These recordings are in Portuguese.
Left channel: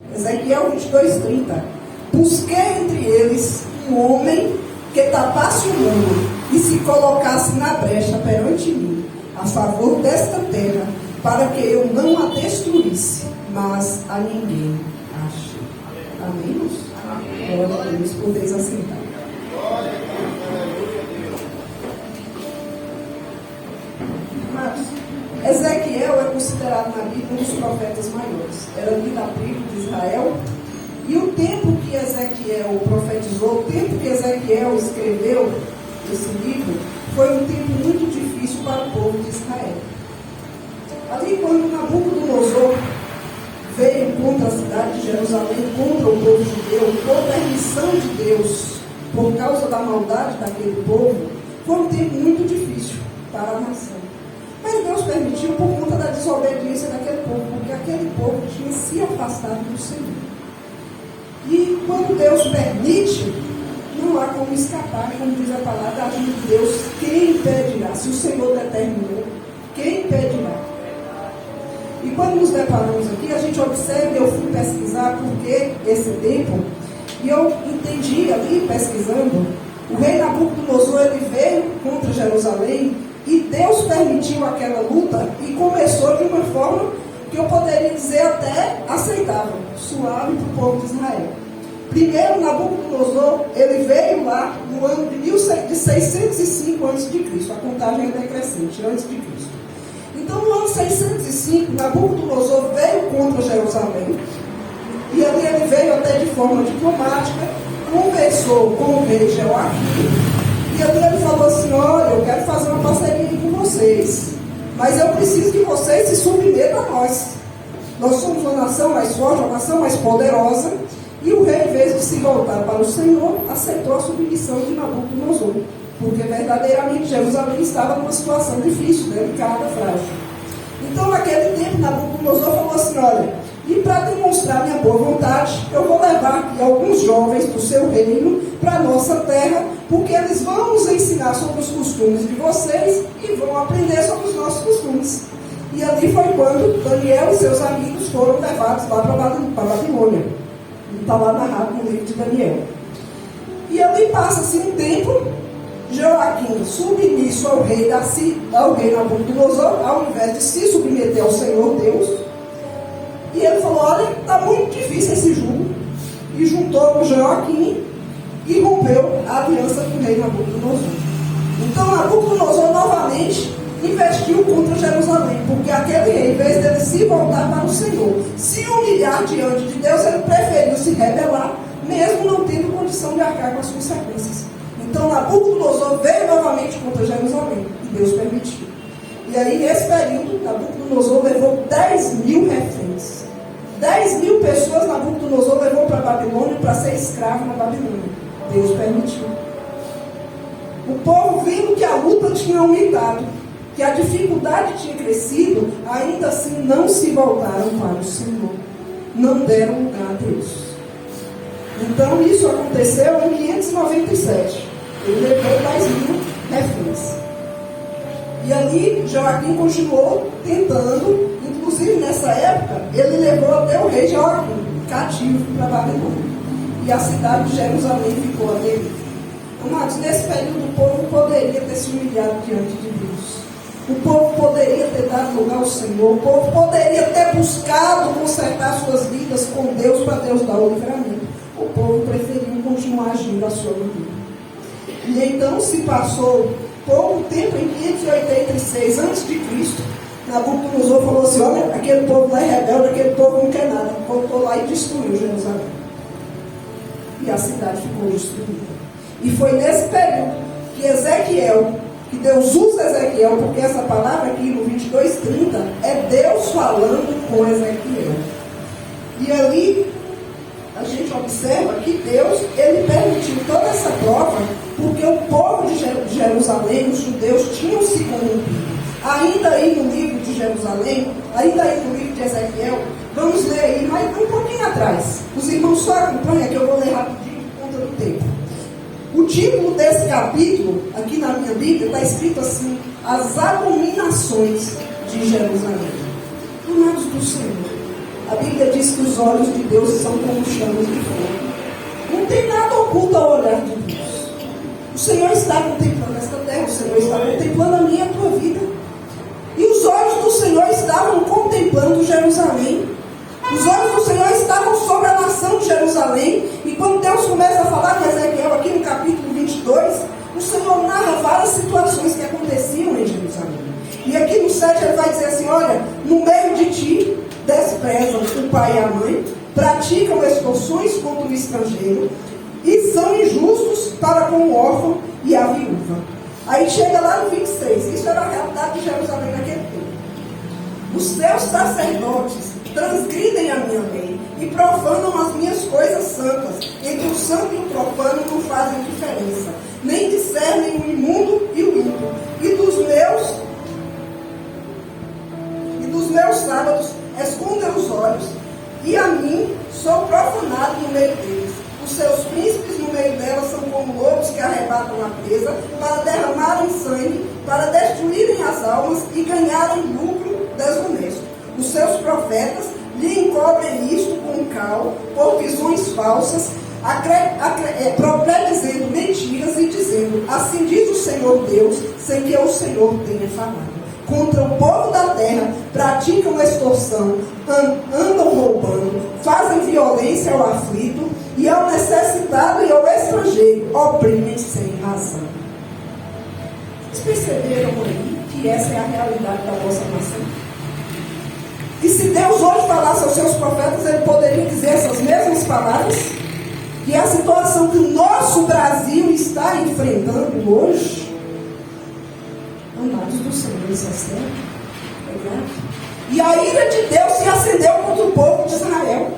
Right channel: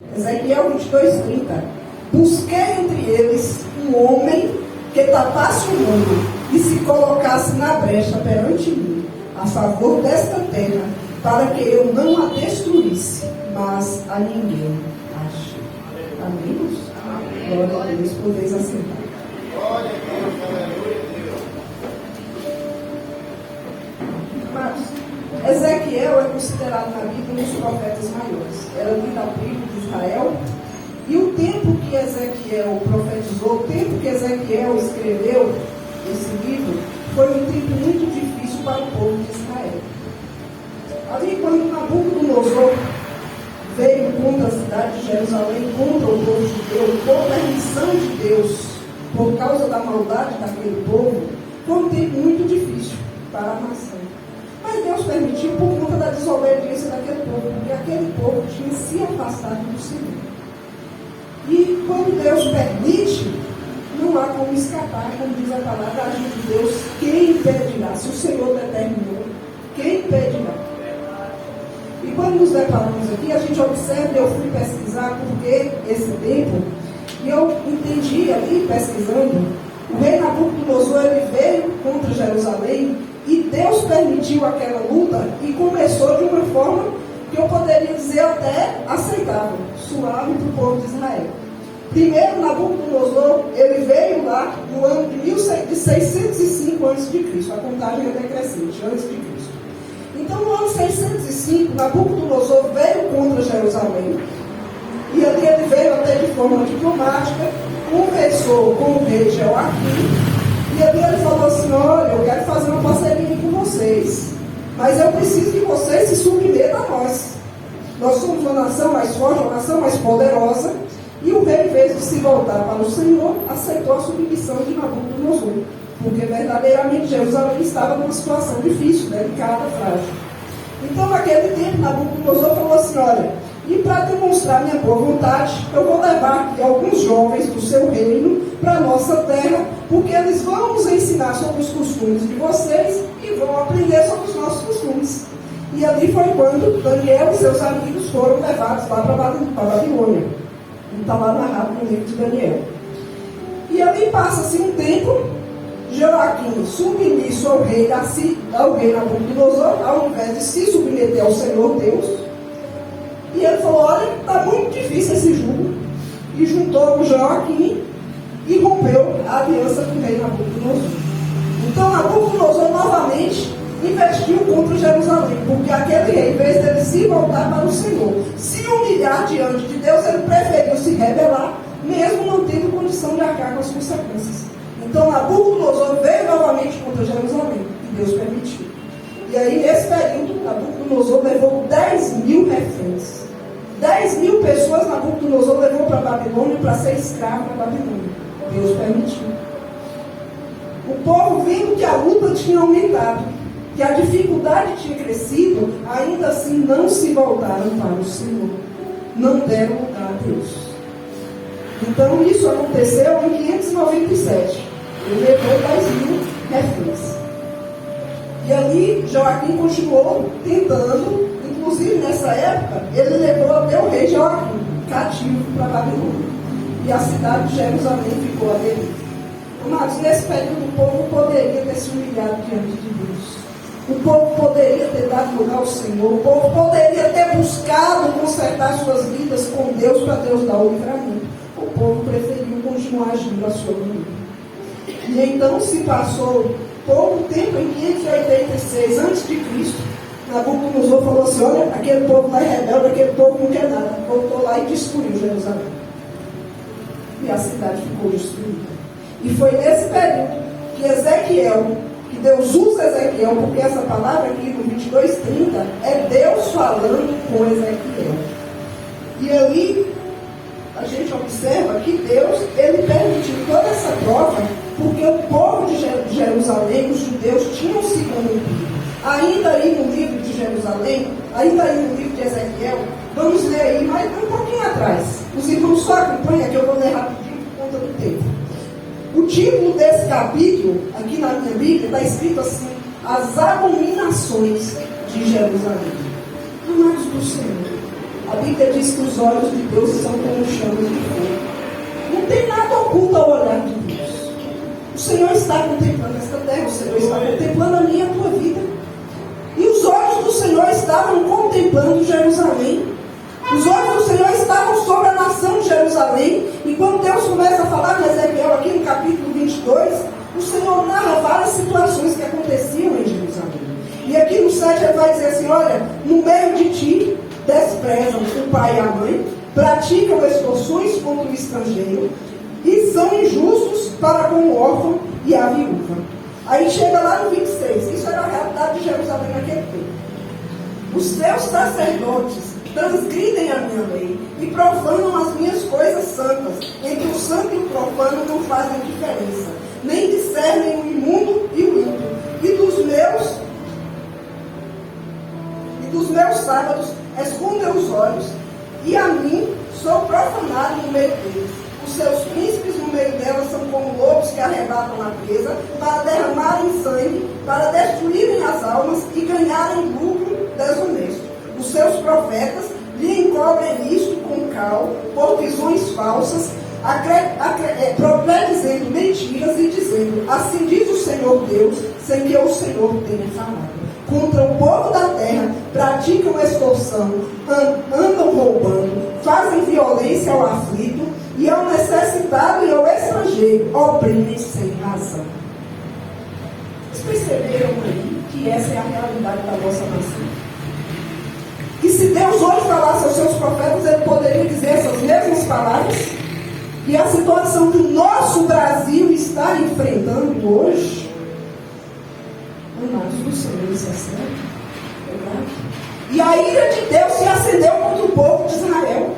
Ezequiel 22:30. Busquei entre eles um homem que tapasse o mundo e se colocasse na brecha perante mim, a favor desta terra, para que eu não a destruísse, mas a ninguém achei. Amém? Glória a Deus, podeis assentar. Amados, Ezequiel é considerado na Bíblia um dos profetas maiores. Era um da tribo de Israel. E o tempo que Ezequiel profetizou, o tempo que Ezequiel escreveu esse livro, foi um tempo muito difícil para o povo de Israel. Ali, quando Nabucodonosor veio contra a cidade de Jerusalém, contra o povo judeu, contra a missão de Deus, por causa da maldade daquele povo, foi um tempo muito difícil para a nação. Mas Deus permitiu por conta da desobediência daquele povo, porque aquele povo tinha se afastado do Senhor. E quando Deus permite, não há como escapar, como diz a palavra, agindo de Deus, quem impedirá? Se o Senhor determinou, quem impedirá? E quando nos deparamos aqui, a gente observa, eu fui pesquisar por que esse tempo, e eu entendi ali, pesquisando, o rei Nabucodonosor, ele veio contra Jerusalém, e Deus permitiu aquela luta, e começou de uma forma que eu poderia dizer até aceitável, suave para o povo de Israel. Primeiro, Nabucodonosor, ele veio lá no ano de 605 a.C., a contagem é decrescente, antes de Cristo. Então, no ano 605, Nabucodonosor veio contra Jerusalém, e ali ele veio até de forma diplomática, conversou com o rei Joaquim, e ali ele falou assim: olha, eu quero fazer uma parceria com vocês, mas eu preciso que vocês se submetam a nós. Nós somos uma nação mais forte, uma nação mais poderosa. E o rei, em vez de se voltar para o Senhor, aceitou a submissão de Nabucodonosor, porque verdadeiramente Jerusalém estava numa situação difícil, delicada, frágil. Então, naquele tempo, Nabucodonosor falou assim: olha, e para demonstrar minha boa vontade, eu vou levar aqui alguns jovens do seu reino para a nossa terra, porque eles vão nos ensinar sobre os costumes de vocês e vão aprender sobre os nossos costumes. E ali foi quando Daniel e seus amigos foram levados lá para Babilônia. E está lá narrado no livro de Daniel. E ali passa-se um tempo, Joaquim, submisso ao rei Nabucodonosor, ao invés de se submeter ao Senhor Deus, e ele falou: olha, está muito difícil esse jugo. E juntou o Joaquim e rompeu a aliança com o rei Nabucodonosor. Então Nabucodonosor novamente investiu contra Jerusalém, porque aquele rei, em vez dele se voltar para o Senhor, se humilhar diante de Deus, ele preferiu se rebelar, mesmo não tendo condição de arcar com as consequências. Então Nabucodonosor veio novamente contra Jerusalém, e Deus permitiu. E aí, nesse período, Nabucodonosor levou 10.000 reféns. 10.000 pessoas Nabucodonosor levou para a Babilônia para ser escravo na Babilônia. Deus permitiu. O povo, vendo que a luta tinha aumentado, que a dificuldade tinha crescido, ainda assim não se voltaram para o Senhor. Não deram lugar a Deus. Então, isso aconteceu em 597. Ele levou 10.000 reféns. E ali, Joaquim continuou tentando, inclusive nessa época, ele levou até o rei Joaquim cativo para a Babilônia. E a cidade de Jerusalém ficou ali. Amados, nesse período o povo poderia ter se humilhado diante de Deus. O povo poderia ter dado lugar ao Senhor. O povo poderia ter buscado consertar suas vidas com Deus para Deus dar o livramento. O povo preferiu continuar agindo a sua maneira. E então se passou pouco tempo, em 586 a.C., Nabucodonosor falou assim: olha, aquele povo lá é rebelde, aquele povo não quer nada. Voltou lá e destruiu Jerusalém. E a cidade ficou destruída. E foi nesse período que Ezequiel, que Deus usa Ezequiel, porque essa palavra aqui no 22:30 é Deus falando com Ezequiel. E ali a gente observa que Deus, ele permitiu toda essa prova, porque o povo de Jerusalém, os judeus, tinham se corrompido. Ainda aí no livro de Jerusalém, ainda aí no livro de Ezequiel, vamos ler aí, mas um pouquinho atrás. Os irmãos só acompanham, que eu vou ler rapidinho por conta do tempo. O título desse capítulo, aqui na minha Bíblia, está escrito assim: As abominações de Jerusalém. Amados do Senhor, A Bíblia diz que os olhos de Deus são como chamas de fogo. Não tem nada oculto ao olhar de Deus. O Senhor está contemplando esta terra, o Senhor está contemplando a minha e a tua vida. E os olhos do Senhor estavam contemplando Jerusalém. Os olhos do Senhor estavam sobre a nação de Jerusalém. E quando Deus começa a falar em Ezequiel, aqui no capítulo 22, o Senhor narra várias situações que aconteciam em Jerusalém. E aqui no 7 ele vai dizer assim: olha, no meio de ti desprezam o pai e a mãe, praticam extorsões contra o estrangeiro e são injustos para com o órfão e a viúva. Aí chega lá no 26, isso era a realidade de Jerusalém naquele tempo. Os seus sacerdotes transgridem a minha lei e profanam as minhas coisas santas. Entre o santo e o profano não fazem diferença, nem discernem o imundo e o limpo. E dos meus sábados escondem os olhos, e a mim sou profanado no meio deles. Os seus príncipes no meio delas são como lobos que arrebatam a presa, para derramarem sangue, para destruírem as almas e ganharem lucro desonesto. Os seus profetas lhe encobrem isto com cal, por visões falsas, dizendo mentiras e dizendo: assim diz o Senhor Deus, sem que o Senhor tenha falado. Contra o povo da terra, praticam extorsão, andam roubando, fazem violência ao aflito e ao necessitado e ao estrangeiro, oprimem sem razão. Vocês perceberam aí que essa é a realidade da nossa nação? Que se Deus hoje falasse aos seus profetas, ele poderia dizer essas mesmas palavras? Que a situação que o nosso Brasil está enfrentando hoje, amados do Senhor, isso é sério, verdade? E a ira de Deus se acendeu contra o povo de Israel.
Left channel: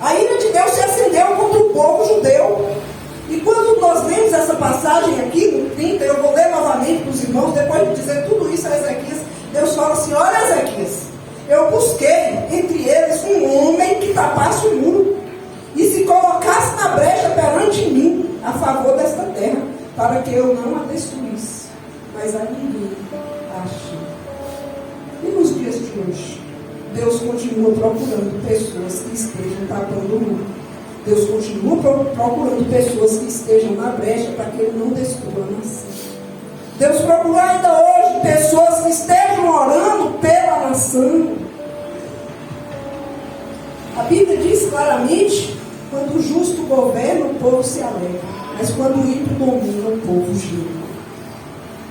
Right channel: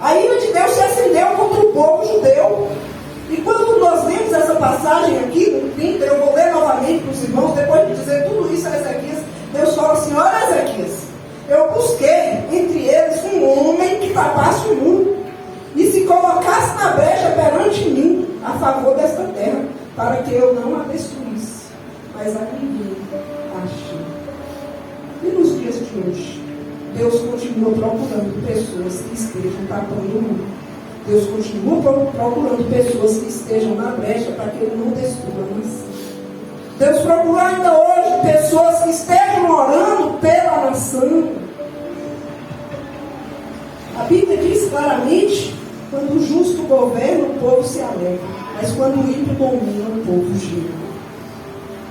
A ira de Deus se acendeu contra o povo judeu. E quando nós vemos essa passagem aqui no 30, eu vou ler novamente para os irmãos, depois de dizer tudo isso a Ezequias, Deus fala assim: olha, Ezequias, eu busquei entre eles um homem que tapasse o muro e se colocasse na brecha perante mim a favor desta terra, para que eu não a destruísse. Mas a ninguém achei. E nos dias de hoje, Deus continua procurando pessoas que estejam tapando o muro. Deus continua procurando pessoas que estejam na brecha para que Ele não destrua a nação. Deus procura ainda hoje pessoas que estejam orando pela nação. A Bíblia diz claramente: quando o justo governa, o povo se alegra, mas quando o ímpio domina, o povo gira.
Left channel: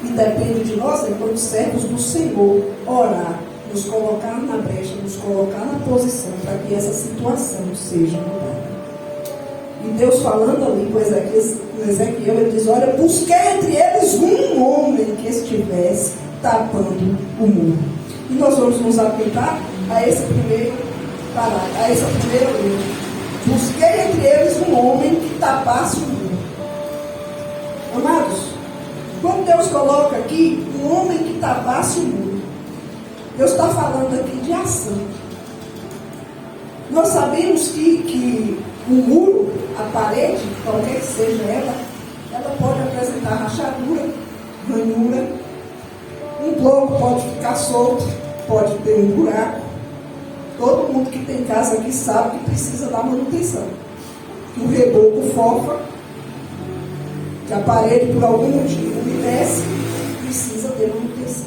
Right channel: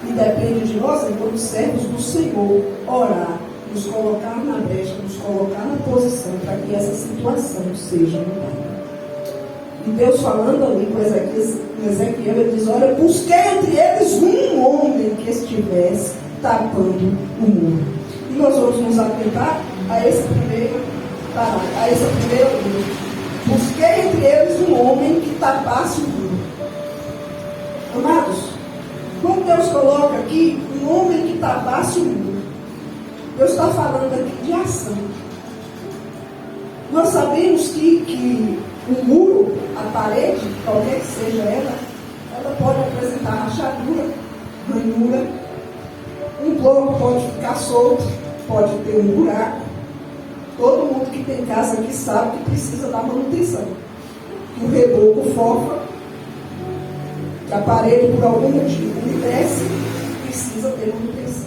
E depende de nós, enquanto servos do Senhor, orar, nos colocar na brecha, nos colocar na posição para que essa situação seja mudada. E Deus falando ali com Ezequiel, ele diz: olha, busquei entre eles um homem que estivesse tapando o muro. E nós vamos nos atentar a esse primeiro parágrafo, a essa primeira linha. Busquei entre eles um homem que tapasse o muro. Amados, quando Deus coloca aqui um homem que tapasse o muro, Deus está falando aqui de ação. Nós sabemos que o muro, a parede, qualquer que seja ela pode apresentar rachadura, ranhura, um bloco pode ficar solto, pode ter um buraco. Todo mundo que tem casa aqui sabe que precisa dar manutenção. O reboco fofa, que a parede por algum motivo umedece, precisa ter manutenção.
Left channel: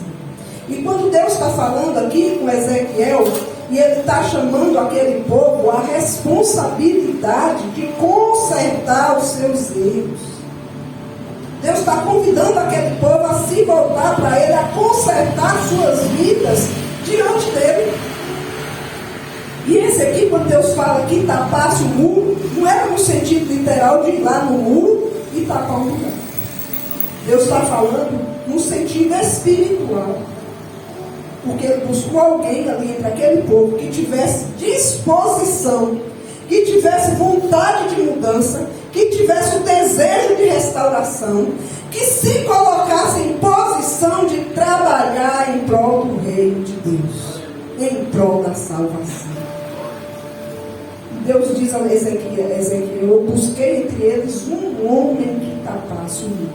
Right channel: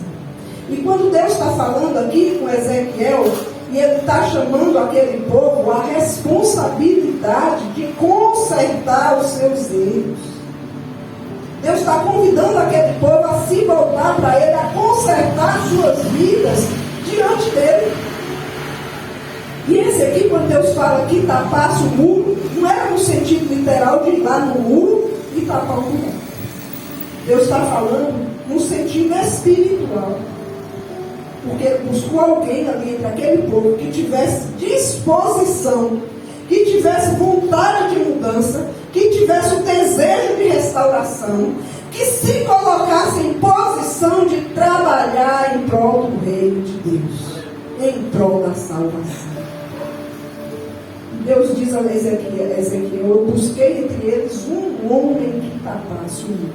E quando Deus está falando aqui com Ezequiel, e ele está chamando aquele povo a responsabilidade de consertar os seus erros. Deus está convidando aquele povo a se voltar para ele, a consertar suas vidas diante dele. E esse aqui, quando Deus fala que tapasse o muro, não era no sentido literal de ir lá no muro e tapar o lugar. Deus está falando no sentido espiritual. Porque ele buscou alguém ali entre aquele povo que tivesse disposição, que tivesse vontade de mudança, que tivesse o desejo de restauração, que se colocasse em posição de trabalhar em prol do reino de Deus, em prol da salvação. Deus diz a Ezequiel: eu busquei entre eles um homem que tapasse o muro.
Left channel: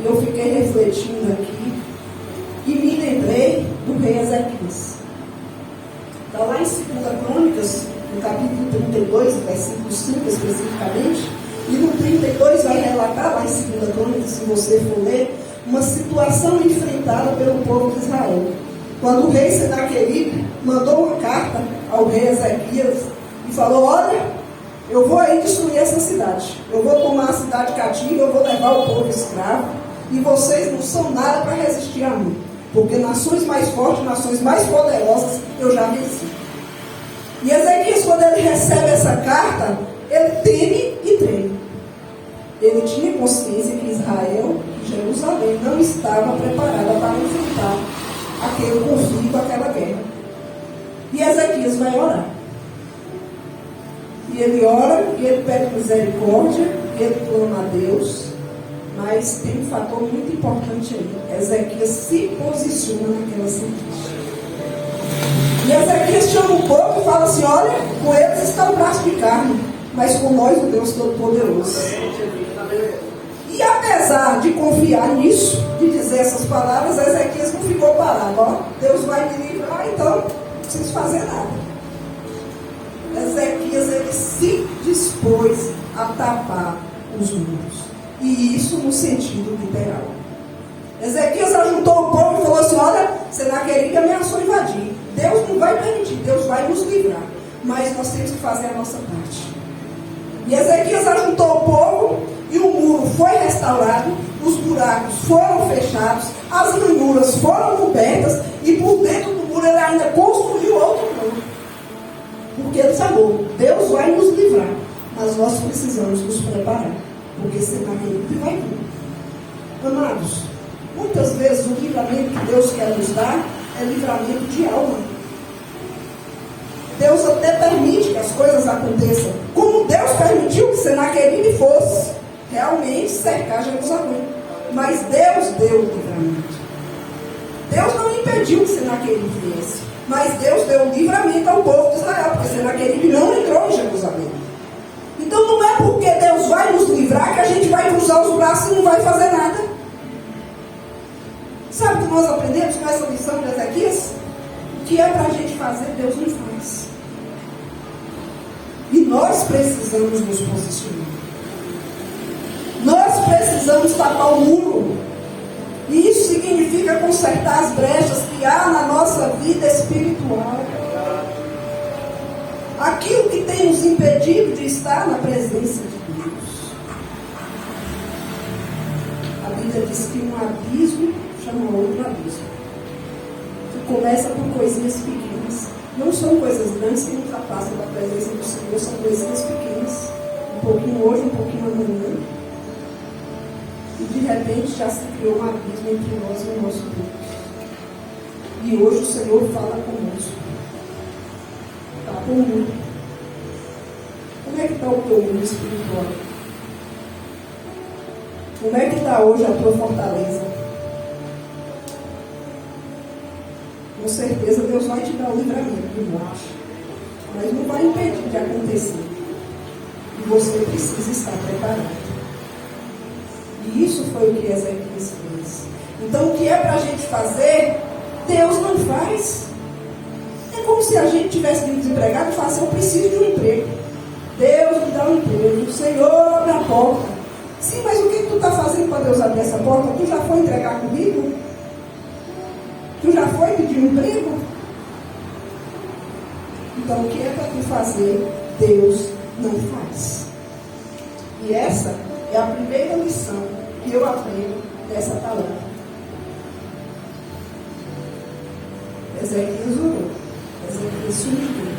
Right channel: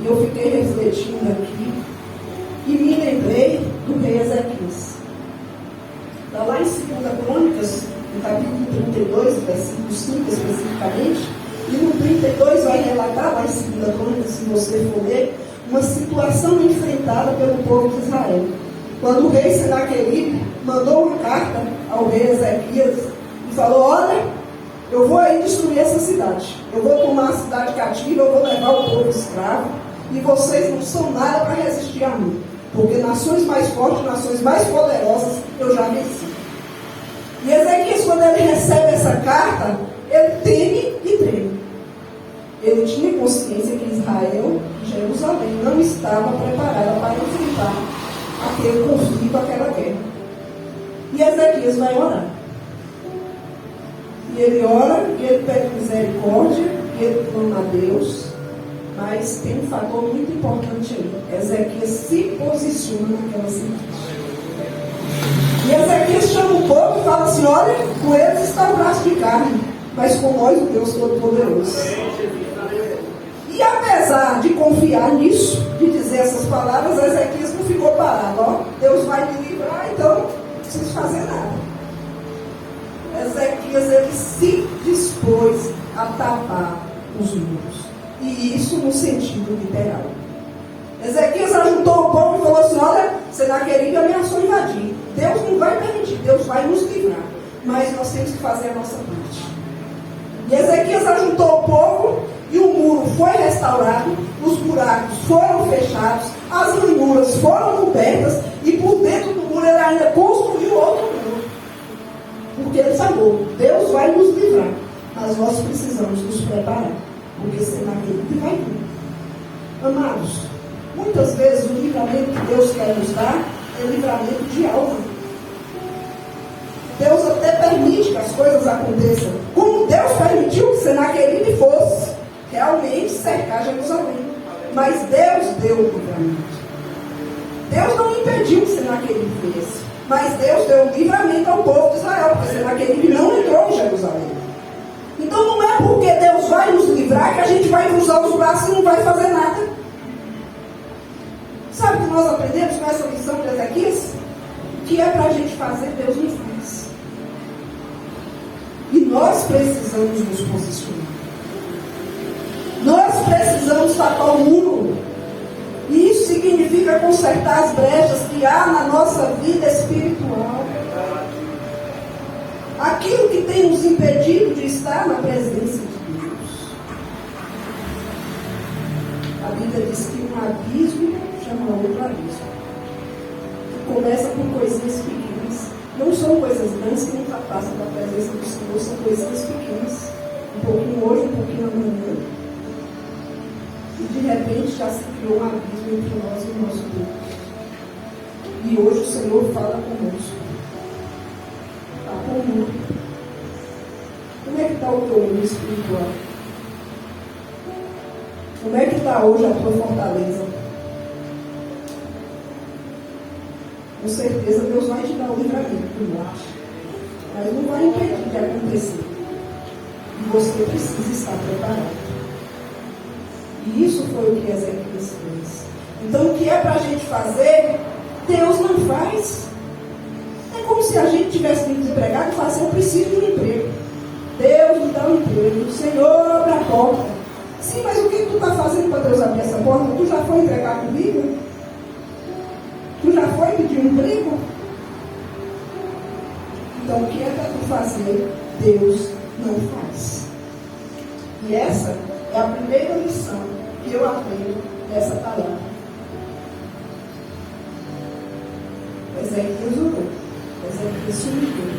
E eu fiquei refletindo aqui e me lembrei do rei Ezequias. Está lá em 2 Crônicas, no capítulo 32, versículo 5 especificamente, e no 32 vai relatar, lá em 2 Crônicas, se você for ler, uma situação enfrentada pelo povo de Israel. Quando o rei Senaqueribe mandou uma carta ao rei Ezequias e falou: olha, eu vou aí destruir essa cidade, eu vou tomar a cidade cativa, eu vou levar o povo escravo, e vocês não são nada para resistir a mim, porque nações mais fortes, nações mais poderosas, eu já venci. E Ezequias, quando ele recebe essa carta, ele teme e treme. Ele tinha consciência que Israel, Jerusalém, não estava preparada para enfrentar aquele conflito, aquela guerra. E Ezequias vai orar. E ele ora, e ele pede misericórdia, e ele clama a Deus. Mas tem um fator muito importante aí. Ezequias se posiciona naquela cidade. E Ezequias chama o povo e fala assim: olha, com eles está o braço de carne, mas com nós o Deus Todo-Poderoso. E apesar de confiar nisso, de dizer essas palavras, Ezequias não ficou parado. Ó, Deus vai me livrar, então não preciso fazer nada. Ezequias, ele se dispôs a tapar os muros. E isso no sentido literal. Ezequias ajuntou o povo e falou assim: olha, Senaqueribe ameaçou invadir. Deus não vai permitir, Deus vai nos livrar. Mas nós temos que fazer a nossa parte. E Ezequias ajuntou o povo e o muro foi restaurado, os buracos foram fechados, as ranhuras foram cobertas e por dentro do muro ele ainda construiu outro muro. Porque ele falou: Deus vai nos livrar, mas nós precisamos nos preparar, porque Senaqueribe vai vir. Amados, muitas vezes o livramento que Deus quer nos dar é livramento de alma. Deus até permite que as coisas aconteçam, como Deus permitiu que Senaqueribe fosse realmente cercar Jerusalém. Mas Deus deu o livramento. Deus não impediu que Senaqueribe viesse, mas Deus deu o livramento ao povo de Israel, porque Senaqueribe não entrou em Jerusalém. Então não é porque Deus vai nos livrar que a gente vai cruzar os braços e não vai fazer nada. Sabe o que nós aprendemos com essa lição de Ezequias? O que é para a gente fazer, Deus não faz. E nós precisamos nos posicionar. Nós precisamos tapar o muro. E isso significa consertar as brechas que há na nossa vida espiritual. Aquilo que tem nos impedido de estar na presença de Deus. A Bíblia diz que um abismo chama outro abismo. Que começa por coisinhas pequenas. Não são coisas grandes que nos afastam da presença do Senhor, são coisinhas pequenas. Um pouquinho hoje, um pouquinho amanhã. E de repente já se criou um abismo entre nós e o nosso Deus. E hoje o Senhor fala conosco. Está com o mundo. Como é que está o teu mundo espiritual? Como é que está hoje a tua fortaleza? Com certeza Deus vai te dar o livramento do norte, mas não vai impedir de acontecer. E você precisa estar preparado. E isso foi o que Ezequias fez. Então o que é para a gente fazer, Deus não faz. É como se a gente tivesse desempregado e falasse: eu preciso de um emprego. Deus me dá um emprego. O Senhor abre a porta. Sim, mas o que tu está fazendo para Deus abrir essa porta? Tu já foi entregar comigo? Tu já foi pedir um emprego? Então o que é para tu fazer, Deus não faz. E essa é a primeira lição que eu aprendo dessa palavra. Ezequias orou, Ezequias se humilhou,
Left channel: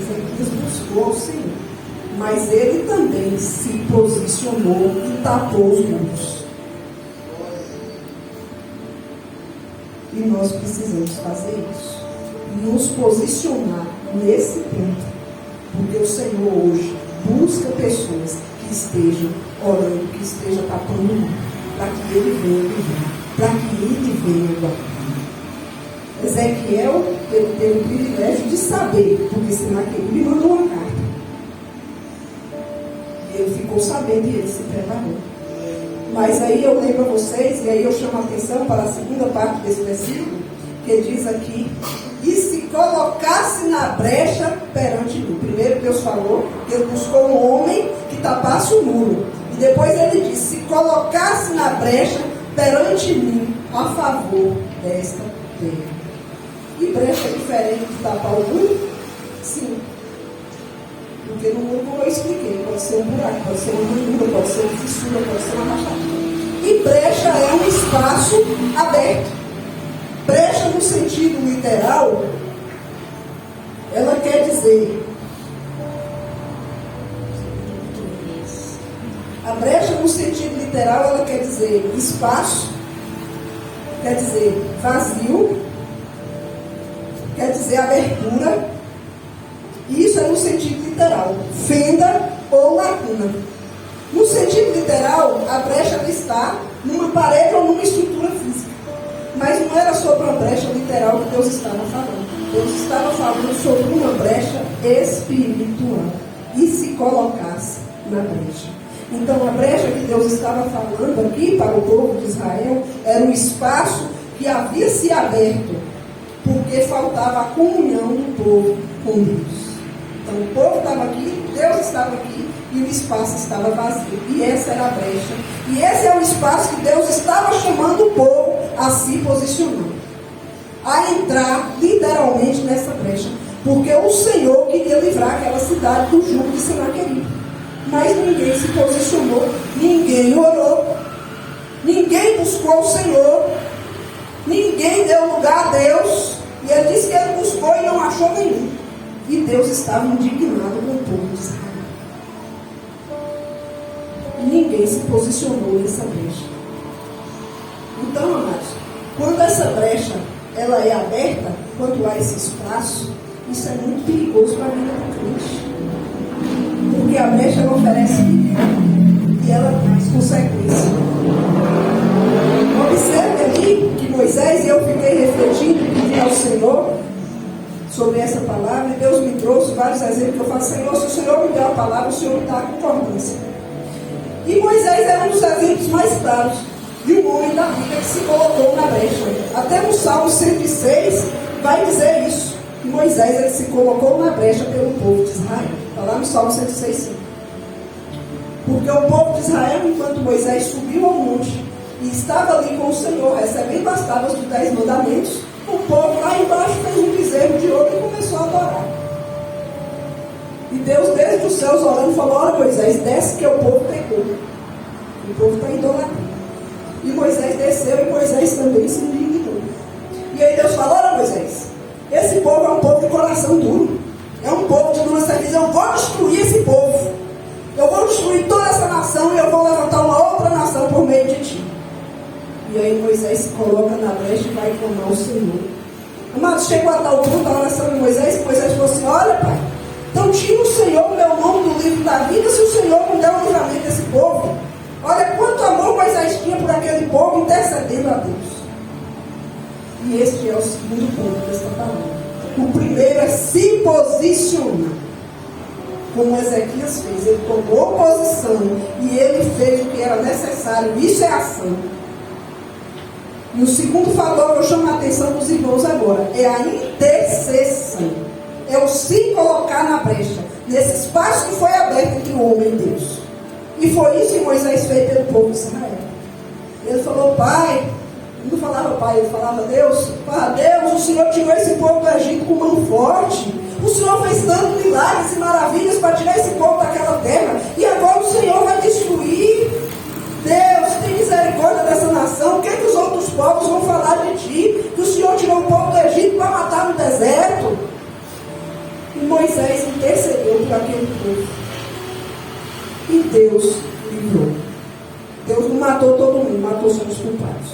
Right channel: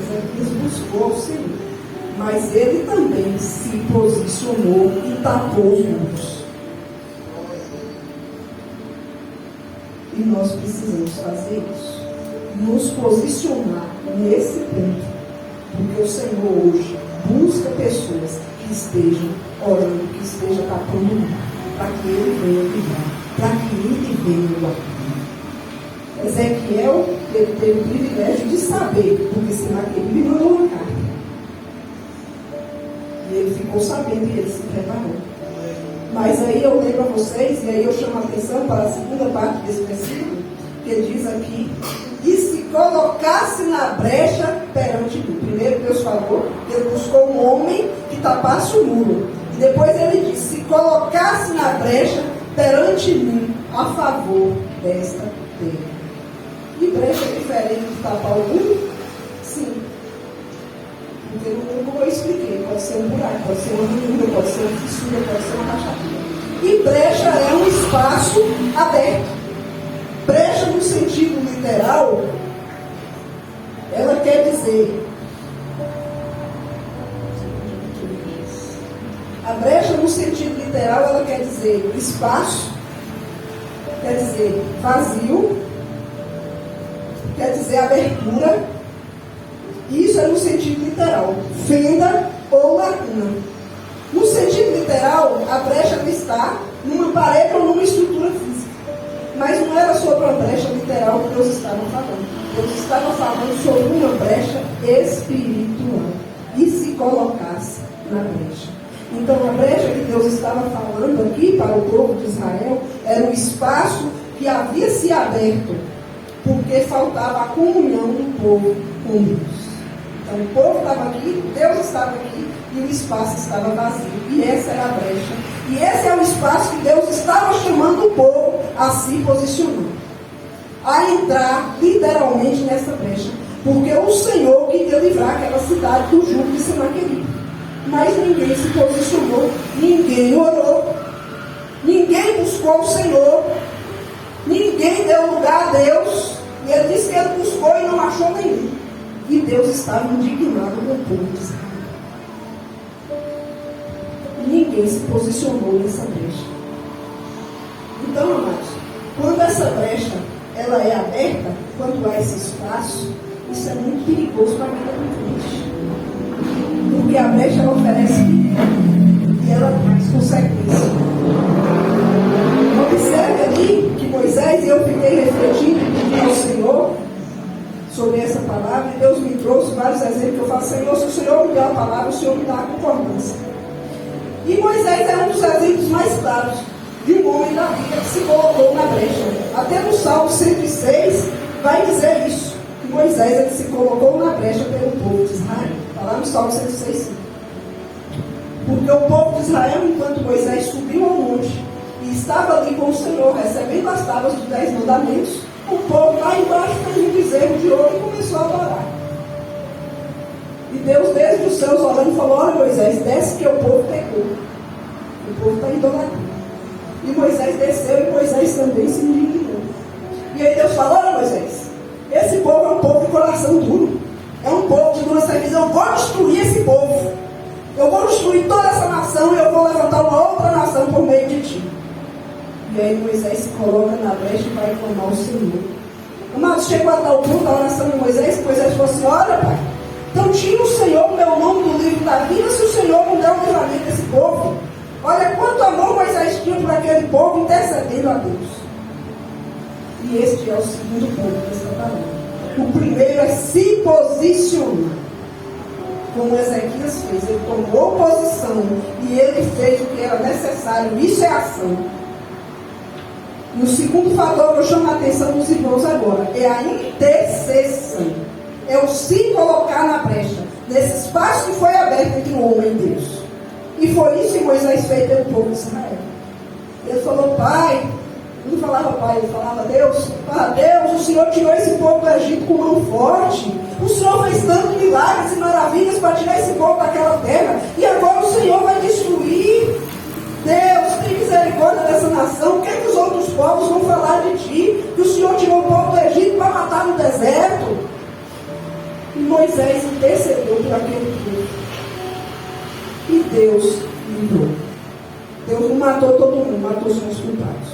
Ezequias buscou o Senhor, mas ele também se posicionou e tapou os muros. E nós precisamos fazer isso, nos posicionar nesse ponto, porque o Senhor hoje busca pessoas que estejam orando, que estejam tapando, para que ele venha livrar, para que ele venha guardar. Ezequiel, ele teve o privilégio de saber, porque Senaqueribe mandou uma carta. E ele ficou sabendo e ele se preparou. Mas aí eu lembro a vocês, e aí eu chamo a atenção para a segunda parte desse versículo, que diz aqui: e se colocasse na brecha perante mim. Primeiro Deus falou, ele buscou um homem que tapasse o muro. E depois ele disse, se colocasse na brecha perante mim, a favor desta terra. E brecha é diferente de tapar o muro? Sim. Porque no muro, como eu expliquei, pode ser um buraco, pode ser uma ranhura, pode ser uma fissura, pode ser uma rachadura. E brecha é um espaço aberto. Brecha no sentido literal, ela quer dizer, a brecha no sentido literal, ela quer dizer espaço, quer dizer vazio, quer dizer abertura. Isso é no sentido literal, fenda ou lacuna. No sentido literal, a brecha está numa parede ou numa estrutura física. Mas não era sobre a brecha literal que Deus estava falando. Deus estava falando sobre uma brecha espiritual. E se colocasse na brecha. Então a brecha que Deus estava falando aqui para o povo de Israel era um espaço que havia se aberto, porque faltava a comunhão do povo com Deus. Então o povo estava aqui, Deus estava aqui e o espaço estava vazio. E essa era a brecha. E esse é o espaço que Deus estava chamando o povo a se posicionar, a entrar literalmente nessa brecha. Porque o Senhor queria livrar aquela cidade do jugo de Senaqueribe. Mas ninguém se posicionou, ninguém orou, ninguém buscou o Senhor, ninguém deu lugar a Deus. E ele disse que ele buscou e não achou nenhum. E Deus estava indignado com o povo de Israel. E ninguém se posicionou nessa brecha. Então, amados, quando essa brecha ela é aberta, quando há esse espaço, isso é muito perigoso para a vida do crente. Porque a brecha ela oferece e ela traz consequências. Observe ali que Moisés, e eu fiquei refletindo e pedi ao Senhor sobre essa palavra, e Deus me trouxe vários exemplos que eu falo, Senhor, se o Senhor me der a palavra, o Senhor me dá a concordância. E Moisés é um dos exemplos mais claros de um homem da Bíblia que se colocou na brecha. Até no Salmo 106 vai dizer isso, que Moisés ele se colocou na brecha pelo povo de Israel. Está lá no Salmo 106, 5. Porque o povo de Israel, enquanto Moisés subiu ao monte e estava ali com o Senhor, recebendo as tábuas dos 10 mandamentos, o povo lá embaixo fez um bezerro de ouro e começou a adorar. E Deus, desde os céus, olhando, falou, olha Moisés, desce que o povo pecou. O povo está idolatrando. E Moisés desceu e Moisés também se indignou. E aí Deus falou, olha Moisés, esse povo é um povo de coração duro. É um povo de dura serviço. Eu vou destruir esse povo. Eu vou destruir toda essa nação e eu vou levantar uma outra nação por meio de ti. E aí Moisés se coloca na brecha e vai clamar ao Senhor. Amados, chegou a tal ponto a oração de Moisés, que Moisés falou assim, olha pai, então tira o Senhor meu nome do livro da vida se o Senhor não der o livramento desse povo. Olha quanto amor Moisés tinha por aquele povo intercedendo a Deus. E este é o segundo ponto desta palavra. O primeiro é se posicionar. Como Ezequias fez, ele tomou posição e ele fez o que era necessário. Isso é ação. E o segundo fator que eu chamo a atenção dos irmãos agora é a intercessão. É o se colocar na brecha, nesse espaço que foi aberto entre o homem e Deus. E foi isso que Moisés fez pelo povo de Israel. Ele falou, pai, não falava pai, ele falava Deus, Deus, o Senhor tirou esse povo do Egito com mão forte. O Senhor fez tantos milagres e maravilhas para tirar esse povo daquela terra. E agora o Senhor vai destruir. Deus, tem misericórdia dessa nação. O que é que os outros povos vão falar de ti? Que o Senhor tirou o povo do Egito para matar no deserto. E Moisés intercedeu por aquele povo. E Deus livrou. Deus não matou todo mundo, matou só os culpados.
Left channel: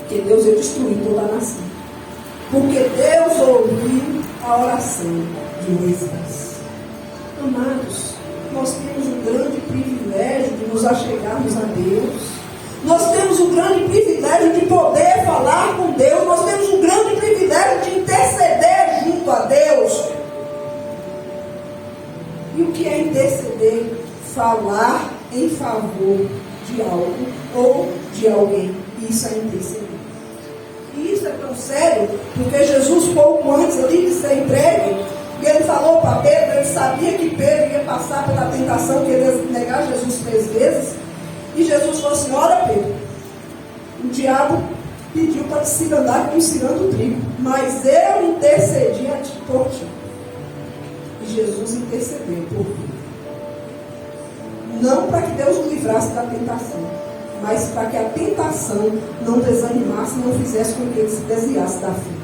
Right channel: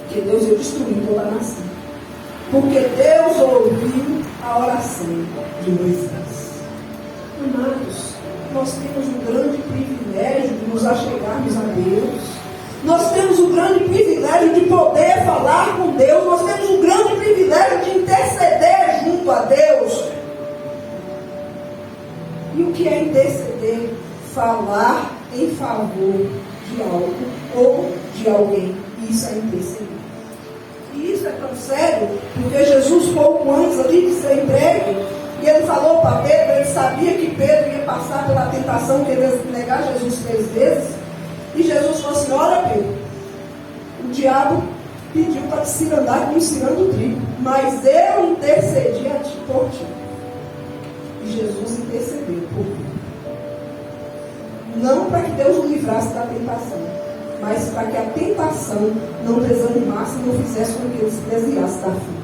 Porque Deus ia destruir toda a nação. Porque Deus ouviu a oração de Moisés. Amados, nós temos um grande privilégio de nos achegarmos a Deus. Nós temos um grande privilégio de poder falar com Deus. Nós temos um grande privilégio de interceder junto a Deus. E o que é interceder? Falar em favor de algo ou de alguém. Isso é interceder. E isso é tão sério, porque Jesus, pouco antes ali de ser entregue, E ele falou para Pedro, ele sabia que Pedro ia passar pela tentação, que ele ia negar Jesus 3 vezes. E Jesus falou assim: olha, Pedro, o diabo pediu para te cirandar como cirando o trigo, mas eu intercedi a ti por ti. E Jesus intercedeu por ti. Não para que Deus o livrasse da tentação, mas para que a tentação não desanimasse, não fizesse com que ele se desviasse da fé.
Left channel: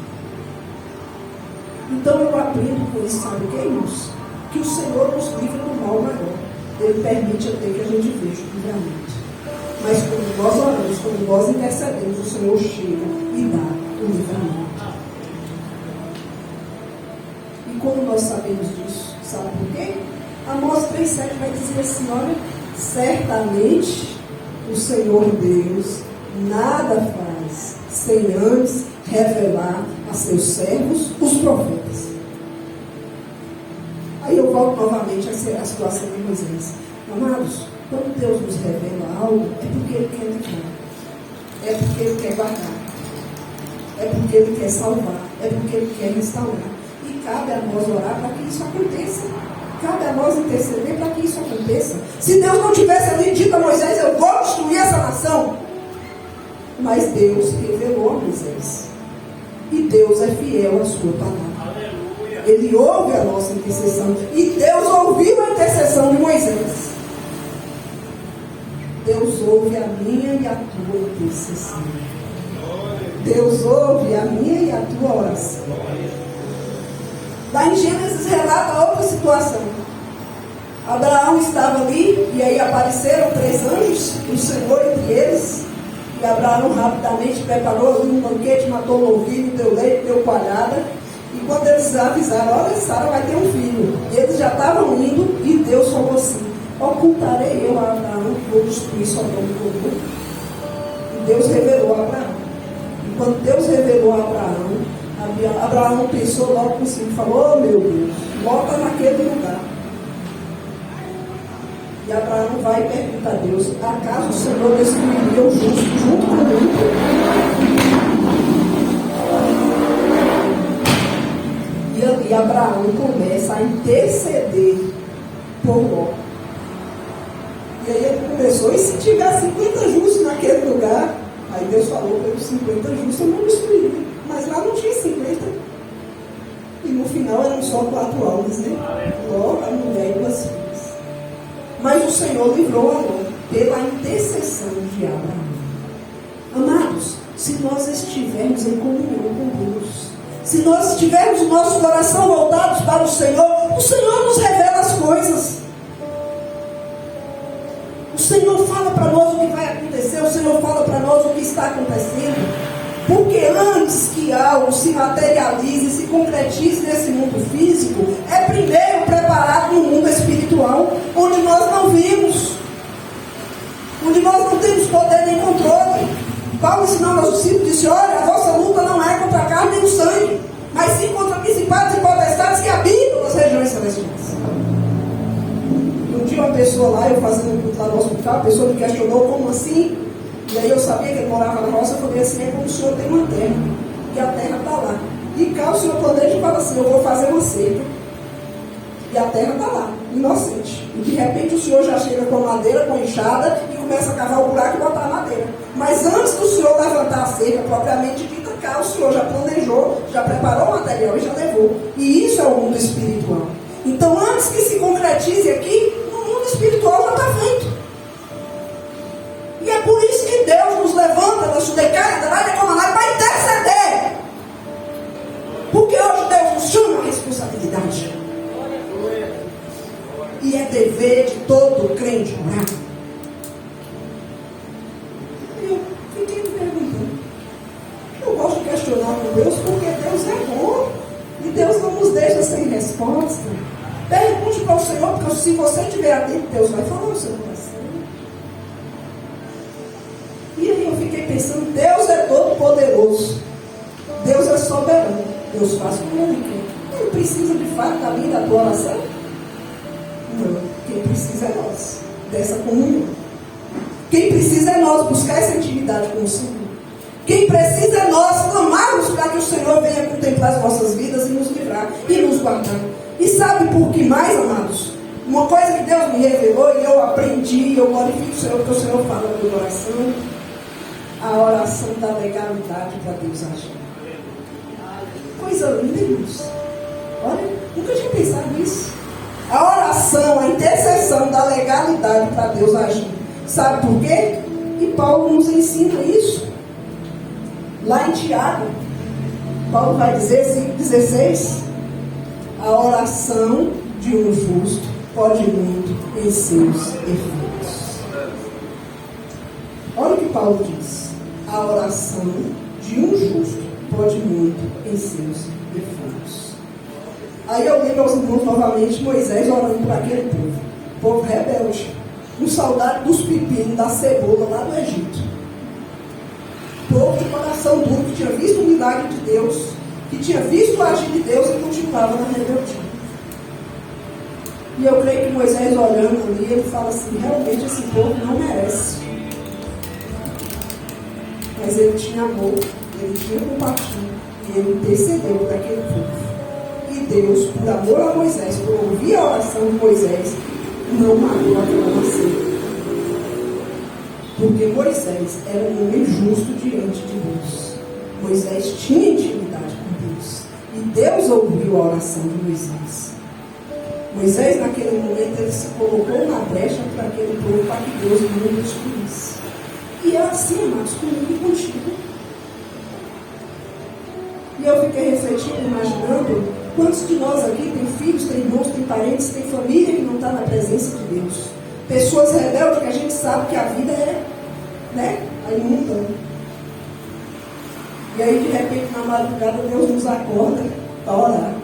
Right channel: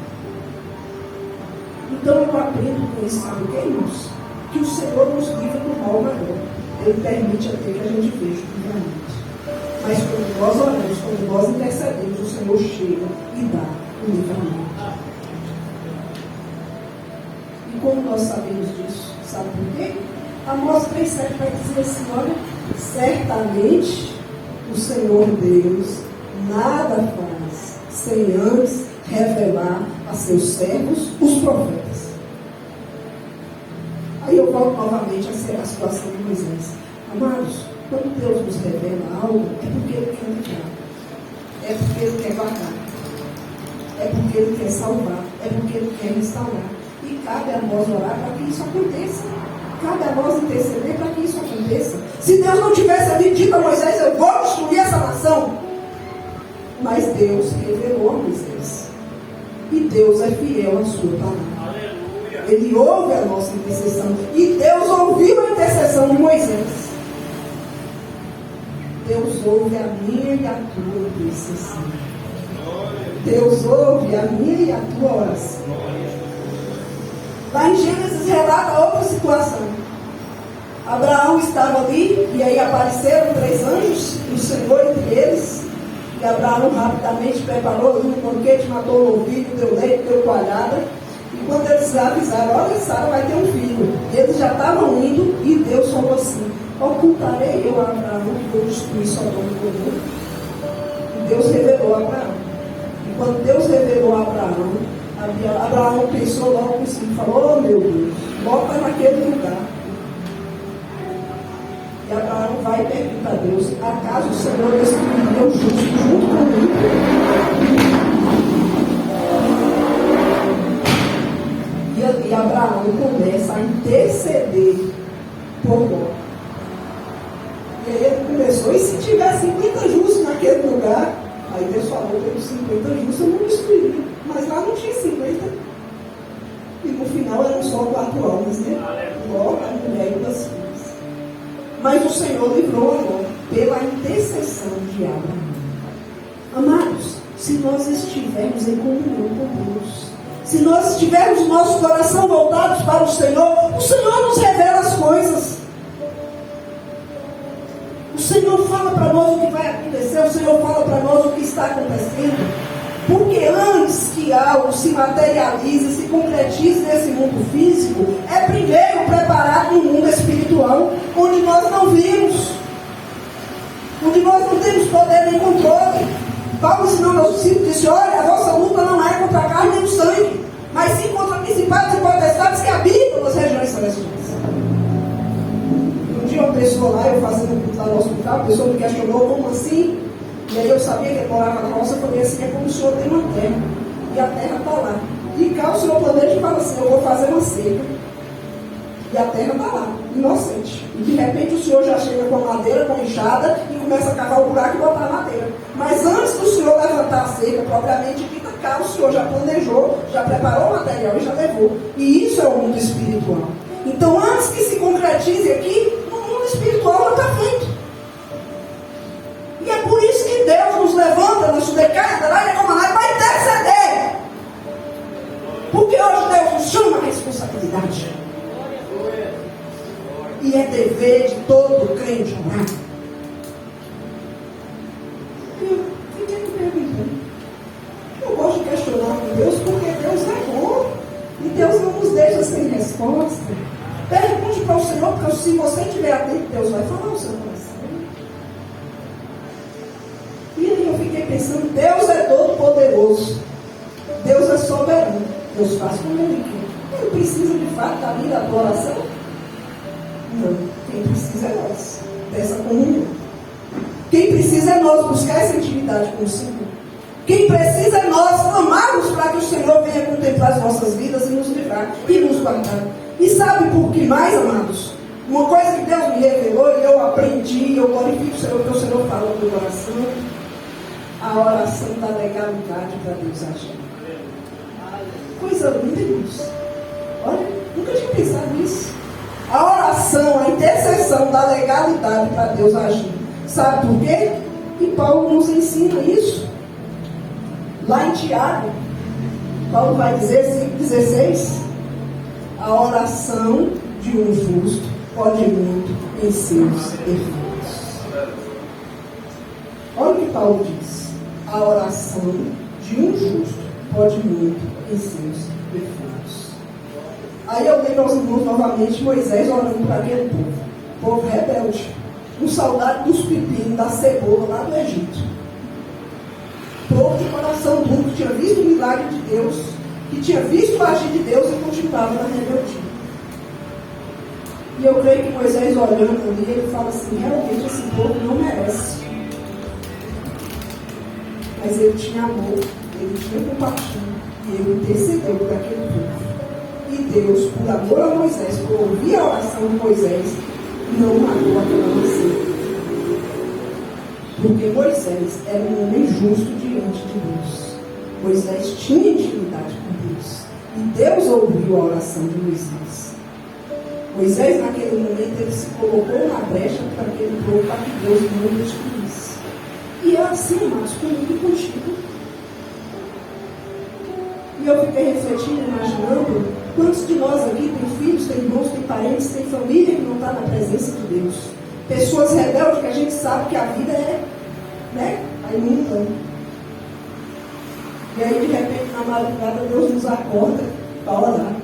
Então eu aprendo com isso, sabe o que, irmãos? Que o Senhor nos livra do mal maior. Ele permite até que a gente veja o livramento. Mas quando nós oramos, quando nós intercedemos, o Senhor chega e dá o livramento. E como nós sabemos disso? Sabe por quê? Amós 3,7 vai dizer assim: olha, certamente o Senhor Deus nada faz sem antes revelar a seus servos, os profetas. Aí eu volto novamente à situação de Moisés. Amados, quando Deus nos revela algo, é porque Ele quer livrar, é porque Ele quer guardar, é porque Ele quer salvar, é porque Ele quer restaurar. E cabe a nós orar para que isso aconteça. Cabe a nós interceder para que isso aconteça. Se Deus não tivesse ali dito a Moisés: eu vou destruir essa nação, mas Deus revelou a Moisés. E Deus é fiel à sua palavra. Ele ouve a nossa intercessão. E Deus ouviu a intercessão de Moisés. Deus ouve a minha e a tua intercessão. Deus ouve a minha e a tua oração. Lá em Gênesis relata outra situação. Abraão estava ali, e aí apareceram 3 anjos, o Senhor entre eles. E Abraão rapidamente preparou um banquete, matou o novilho, deu leite, deu coalhada. E quando eles avisaram: olha, Sara vai ter um filho, eles já estavam indo, e Deus falou assim: ocultarei eu a Abraão que vou destruir Sodoma e Gomorra. E Deus revelou a Abraão. E quando Deus revelou a Abraão, Abraão pensou logo assim, falou: oh meu Deus, volta naquele lugar. E Abraão vai e pergunta a Deus: acaso o Senhor destruiu o justo junto comigo? E Abraão começa a interceder por Ló. E aí ele começou: e se tiver 50 justos naquele lugar? Aí Deus falou: pelos 50 justos eu não destruiria. Mas lá não tinha 50. E no final eram só 4 almas, né? Ló, a mulher e as filhas. Mas o Senhor livrou a Ló pela intercessão de Abraão. Amados, se nós estivermos em comunhão com Deus, se nós tivermos o nosso coração voltados para o Senhor nos revela as coisas. O Senhor fala para nós o que vai acontecer, o Senhor fala para nós o que está acontecendo. Porque antes que algo se materialize, se concretize nesse mundo físico, é primeiro preparado no mundo espiritual, onde nós não vimos, onde nós não temos poder nem controle. Paulo, ensinando aos discípulos, disse: olha, a vossa luta não é contra a carne nem o sangue, mas sim contra principados e potestades que habitam nas regiões celestiais. Um dia uma pessoa lá, eu fazendo um culto lá no hospital, a pessoa me questionou: como assim? E aí eu sabia que ele morava na roça. Eu falei assim: é como o senhor tem uma terra, e a terra está lá. E cá o senhor planeja e fala assim: eu vou fazer uma seca, e a terra está lá, inocente. E de repente o senhor já chega com madeira, com enxada, e começa a cavar o buraco e botar a madeira. Mas antes do senhor levantar a seca, propriamente dita, cá o senhor já planejou, já preparou o material e já levou. E isso é o mundo espiritual. Então, antes que se concretize aqui, no mundo espiritual já está feito. E é por isso que Deus nos levanta na Sudecai, para interceder. Porque hoje Deus nos chama a responsabilidade. E é dever de todo crente orar. Eu fiquei me perguntando. Eu gosto de questionar com Deus, porque Deus é bom. E Deus não nos deixa sem resposta. Pergunte para o Senhor, porque se você estiver atento, Deus vai falar no seu coração. E aí eu fiquei pensando: Deus é todo poderoso, Deus é soberano, Deus faz como Ele quer. Ele precisa de fato da minha da tua oração? Não, quem precisa é nós, dessa comunhão. Quem precisa é nós buscar essa intimidade com o Senhor. Quem precisa é nós clamarmos para que o Senhor venha contemplar as nossas vidas e nos livrar e nos guardar. E sabe por que mais, amados? Uma coisa que Deus me revelou e eu aprendi, eu glorifico o Senhor, porque o Senhor fala de oração, a oração da legalidade para Deus agir. Coisa linda, irmãos. Olha, nunca tinha pensado nisso. A oração, a intercessão da legalidade para Deus agir. Sabe por quê? E Paulo nos ensina isso. Lá em Tiago, Paulo vai dizer, 5,16, a oração de um justo pode muito em seus efeitos. Olha o que Paulo diz. A oração de um justo pode muito em seus efeitos. Aí eu lembro aos irmãos novamente Moisés orando por aquele povo rebelde, com saudade dos pepinos, da cebola lá do Egito. Povo de coração duro, que tinha visto o milagre de Deus, que tinha visto o agir de Deus e continuava na rebeldia. E eu creio que Moisés olhando ali, ele fala assim, realmente esse povo não merece. Mas ele tinha amor, ele tinha compaixão, e ele intercedeu por aquele povo. E Deus, por amor a Moisés, por ouvir a oração de Moisés, não matou aquela nação. Porque Moisés era um homem justo diante de Deus. Moisés tinha intimidade com Deus. E Deus ouviu a oração de Moisés. Moisés, naquele momento, ele se colocou na brecha para aquele povo, para que Deus não destruísse. E é assim, amados, comigo e contigo. E eu fiquei refletindo, imaginando, quantos de nós aqui tem filhos, tem irmãos, tem parentes, tem família que não está na presença de Deus. Pessoas rebeldes que a gente sabe que a vida é, né, a imunda. E aí, de repente, na madrugada, Deus nos acorda para orar.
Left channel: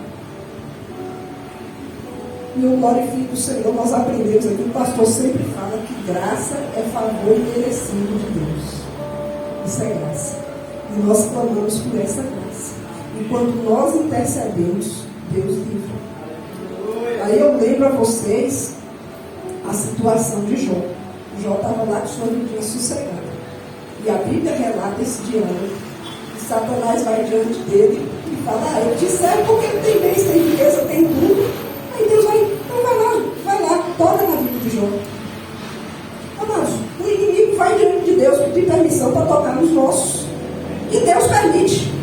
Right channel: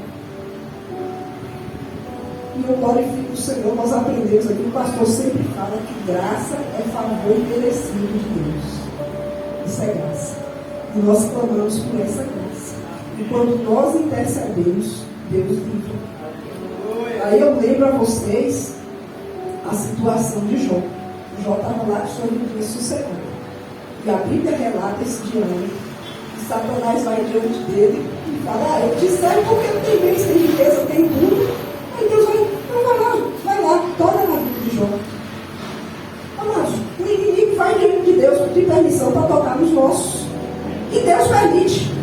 E eu glorifico o Senhor, nós aprendemos aqui, o pastor sempre fala que graça é favor merecido de Deus. Isso é graça. E nós clamamos por essa graça. E quando nós intercedemos, Deus livra. Aí eu lembro a vocês a situação de Jó. Jó estava lá de sua vida sossegada. E a Bíblia relata esse diálogo. E Satanás vai diante dele e fala, eu te servo porque não tem bens, tem riqueza, tem tudo. Aí Deus vai lá, toca na vida de Jó. Amados, o inimigo vai diante de Deus pedir permissão para tocar nos nossos. E Deus permite.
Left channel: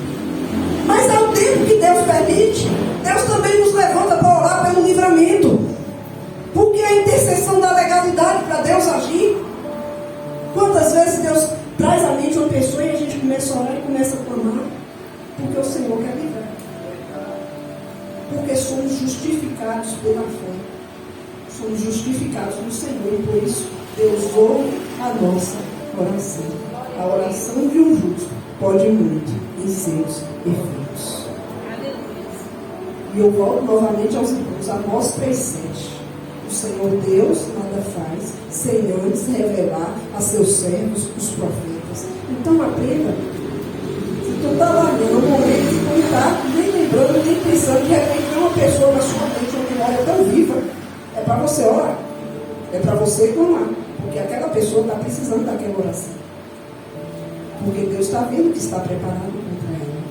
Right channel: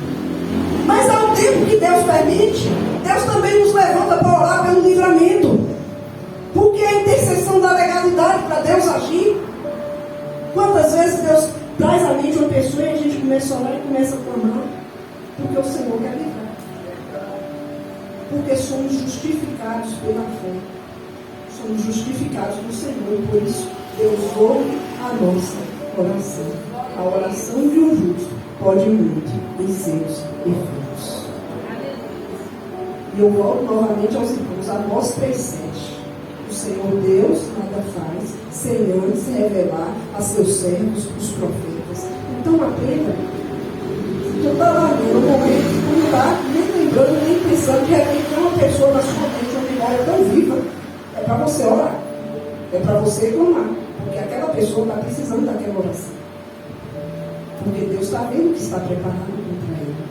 Mas ao tempo que Deus permite, Deus também nos levanta para orar pelo livramento. Porque a intercessão da legalidade para Deus agir. Quantas vezes Deus traz à mente uma pessoa e a gente começa a orar e começa a clamar, porque o Senhor quer livrar. Porque somos justificados pela fé. Somos justificados no Senhor e por isso Deus ouve a nossa oração. A oração de um justo pode muito em seus efeitos. E eu volto novamente aos irmãos, Amós 3,7. O Senhor Deus nada faz sem antes revelar a seus servos, os profetas. Então aprenda. Eu estava olhando um momento de não estar nem lembrando, nem pensando que tem uma pessoa na sua mente, uma memória tão viva. É para você orar. É para você clamar. Porque aquela pessoa está precisando daquela oração. Porque Deus está vendo que está preparado contra ela.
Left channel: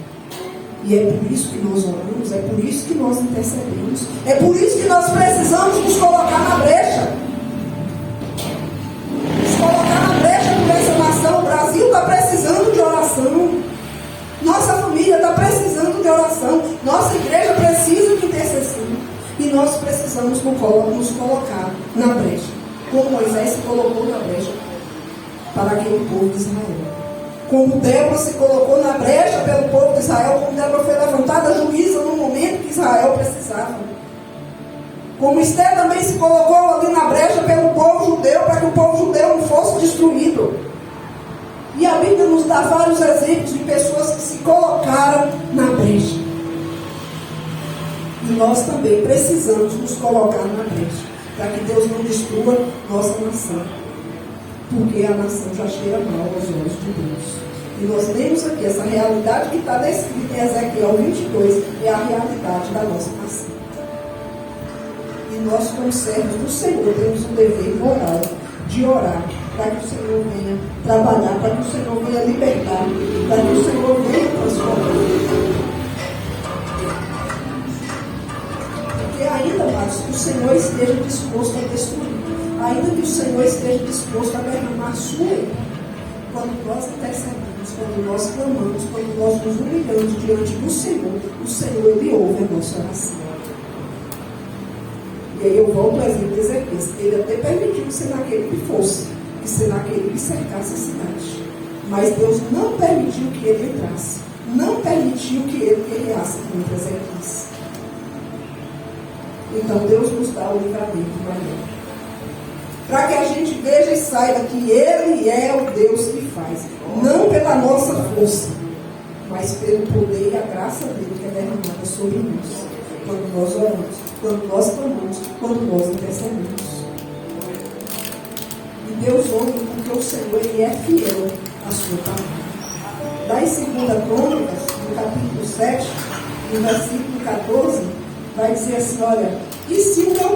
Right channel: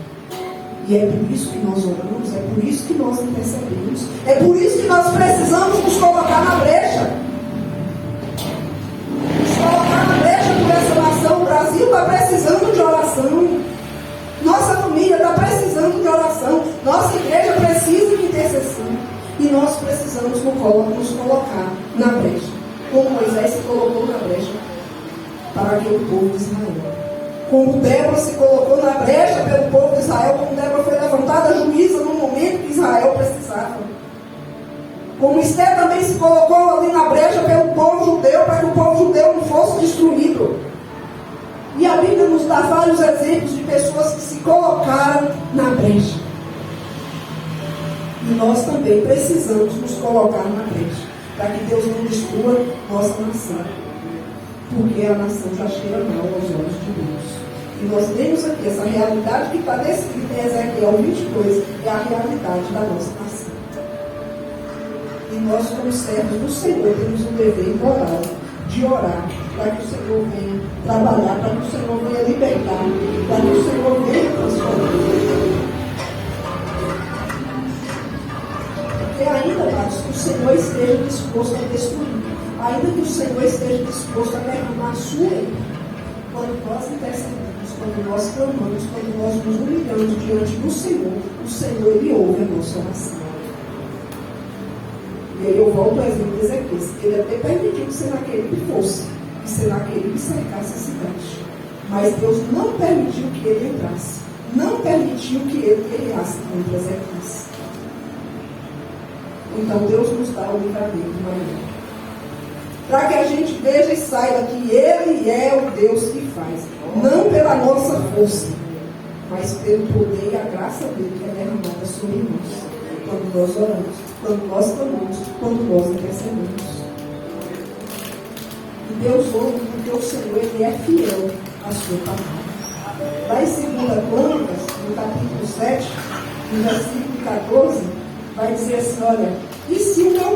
E é por isso que nós oramos, é por isso que nós intercedemos, é por isso que nós precisamos nos colocar na brecha. Nos colocar na brecha por essa nação. O Brasil está precisando de oração. Nossa família está precisando de oração. Nossa igreja precisa de intercessão. E nós precisamos nos colocar na brecha. Como Moisés se colocou na brecha para aquele povo de Israel. Como Débora se colocou na brecha pelo povo de Israel. Como Débora foi levantada juíza no momento que Israel precisava. Como Esther também se colocou ali na brecha pelo povo judeu, para que o povo judeu não fosse destruído. E a Bíblia nos dá vários exemplos de pessoas que se colocaram na brecha. E nós também precisamos nos colocar na brecha, para que Deus não destrua nossa nação. Porque a nação já cheira mal aos olhos de Deus. E nós temos aqui essa realidade que está descrita em Ezequiel 22, é a realidade da nossa nação. E nós, como servos do Senhor, temos um dever moral de orar, para que o Senhor venha trabalhar, para que o Senhor venha libertar, para que o Senhor venha transformar. Porque a Senhor esteja disposto a destruir, ainda que o Senhor esteja disposto a derramar sua ira. Quando nós intercedemos, quando nós clamamos, quando nós nos humilhamos diante do Senhor, o Senhor Ele ouve a nossa oração. E aí eu volto ao exemplo de Ezequias. Ele até permitiu que Senaqueribe fosse, que Senaqueribe cercasse a cidade. Mas Deus não permitiu que ele entrasse. Não permitiu que ele guerreasse contra Ezequias. Então Deus nos dá o livramento maior. Para que a gente veja e saiba que Ele é o Deus que faz. Não pela nossa força, mas pelo poder e a graça dele que é derramada sobre nós. Quando nós oramos, quando nós clamamos, quando nós intercedemos. E Deus ouve porque o Senhor Ele é fiel à sua palavra. Lá em 2 Crônicas, no capítulo 7, no versículo 14, vai dizer assim, olha, e se o meu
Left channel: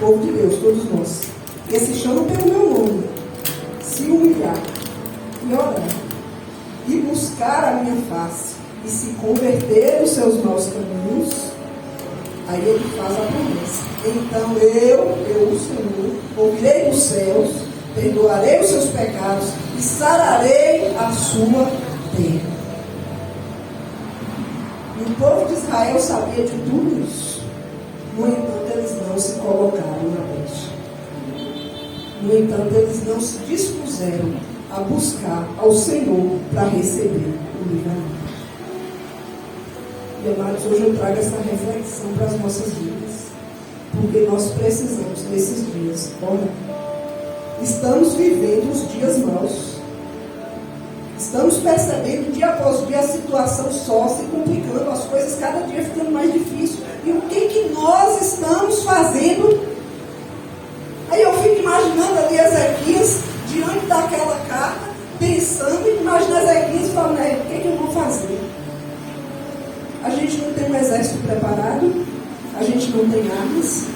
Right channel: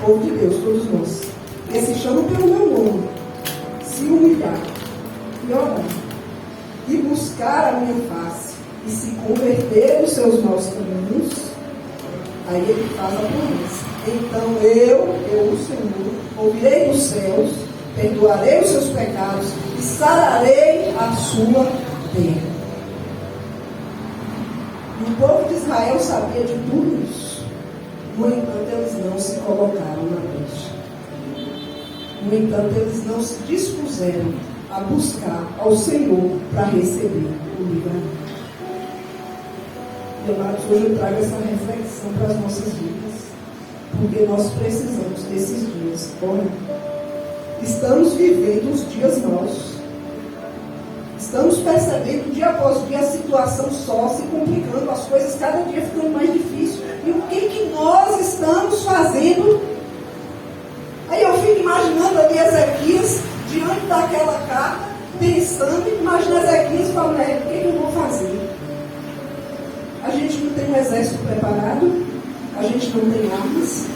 povo de Deus, todos nós, que se chama pelo meu nome, se humilhar e orar, e buscar a minha face, e se converter dos seus maus caminhos, aí ele faz a promessa. Então eu, o Senhor, ouvirei dos céus, perdoarei os seus pecados e sararei a sua terra. E o povo de Israel sabia de tudo isso. No entanto, eles não se colocaram na brecha. No entanto, eles não se dispuseram a buscar ao Senhor para receber o livramento. E, amados, hoje eu trago essa reflexão para as nossas vidas, porque nós precisamos desses dias. Olha, estamos vivendo os dias maus. Estamos percebendo dia após dia a situação só se complicando, as coisas cada dia ficando mais difíceis. E o que nós estamos fazendo? Aí eu fico imaginando ali Ezequias diante daquela carta, pensando, imaginando Ezequias falando, o que eu vou fazer? A gente não tem um exército preparado, a gente não tem armas,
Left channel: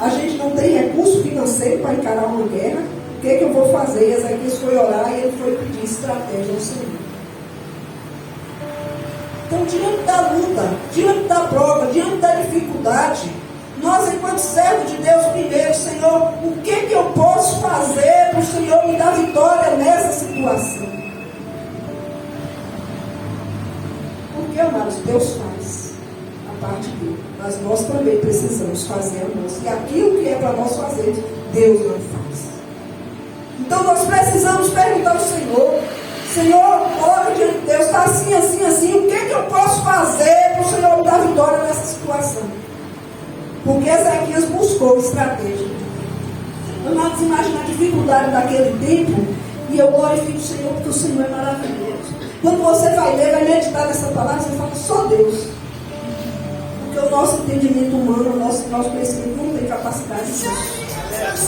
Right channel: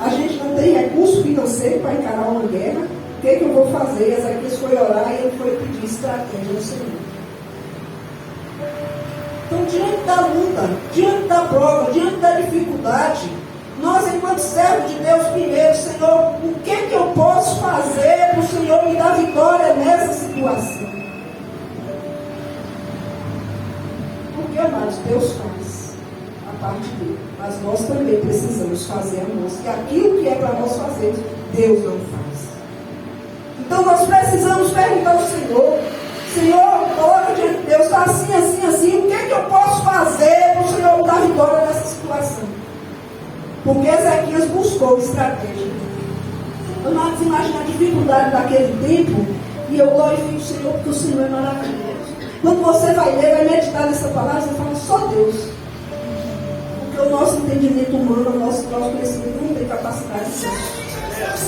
a gente não tem recurso financeiro para encarar uma guerra. O que eu vou fazer? Ezequias foi orar e ele foi pedir estratégia ao Senhor. Então, diante da luta, diante da prova, diante da dificuldade, nós, enquanto servos de Deus, primeiro, Senhor, o que eu posso fazer para o Senhor me dar vitória nessa situação? Porque, amados, Deus faz a parte dele, mas nós também precisamos fazer a nossa, que aquilo que é para nós fazermos, Deus não faz. Então nós precisamos perguntar ao Senhor, coloca diante de Deus, está assim, assim, assim, o que eu posso fazer para o Senhor me dar vitória nessa situação? Porque Ezequias buscou estratégia. Amados, imagina a dificuldade daquele tempo, e eu glorifico o Senhor porque o Senhor é maravilhoso. Quando você vai ler, vai meditar nessa palavra, você fala, só Deus. Porque o nosso entendimento humano, o nosso conhecimento não tem capacidade disso.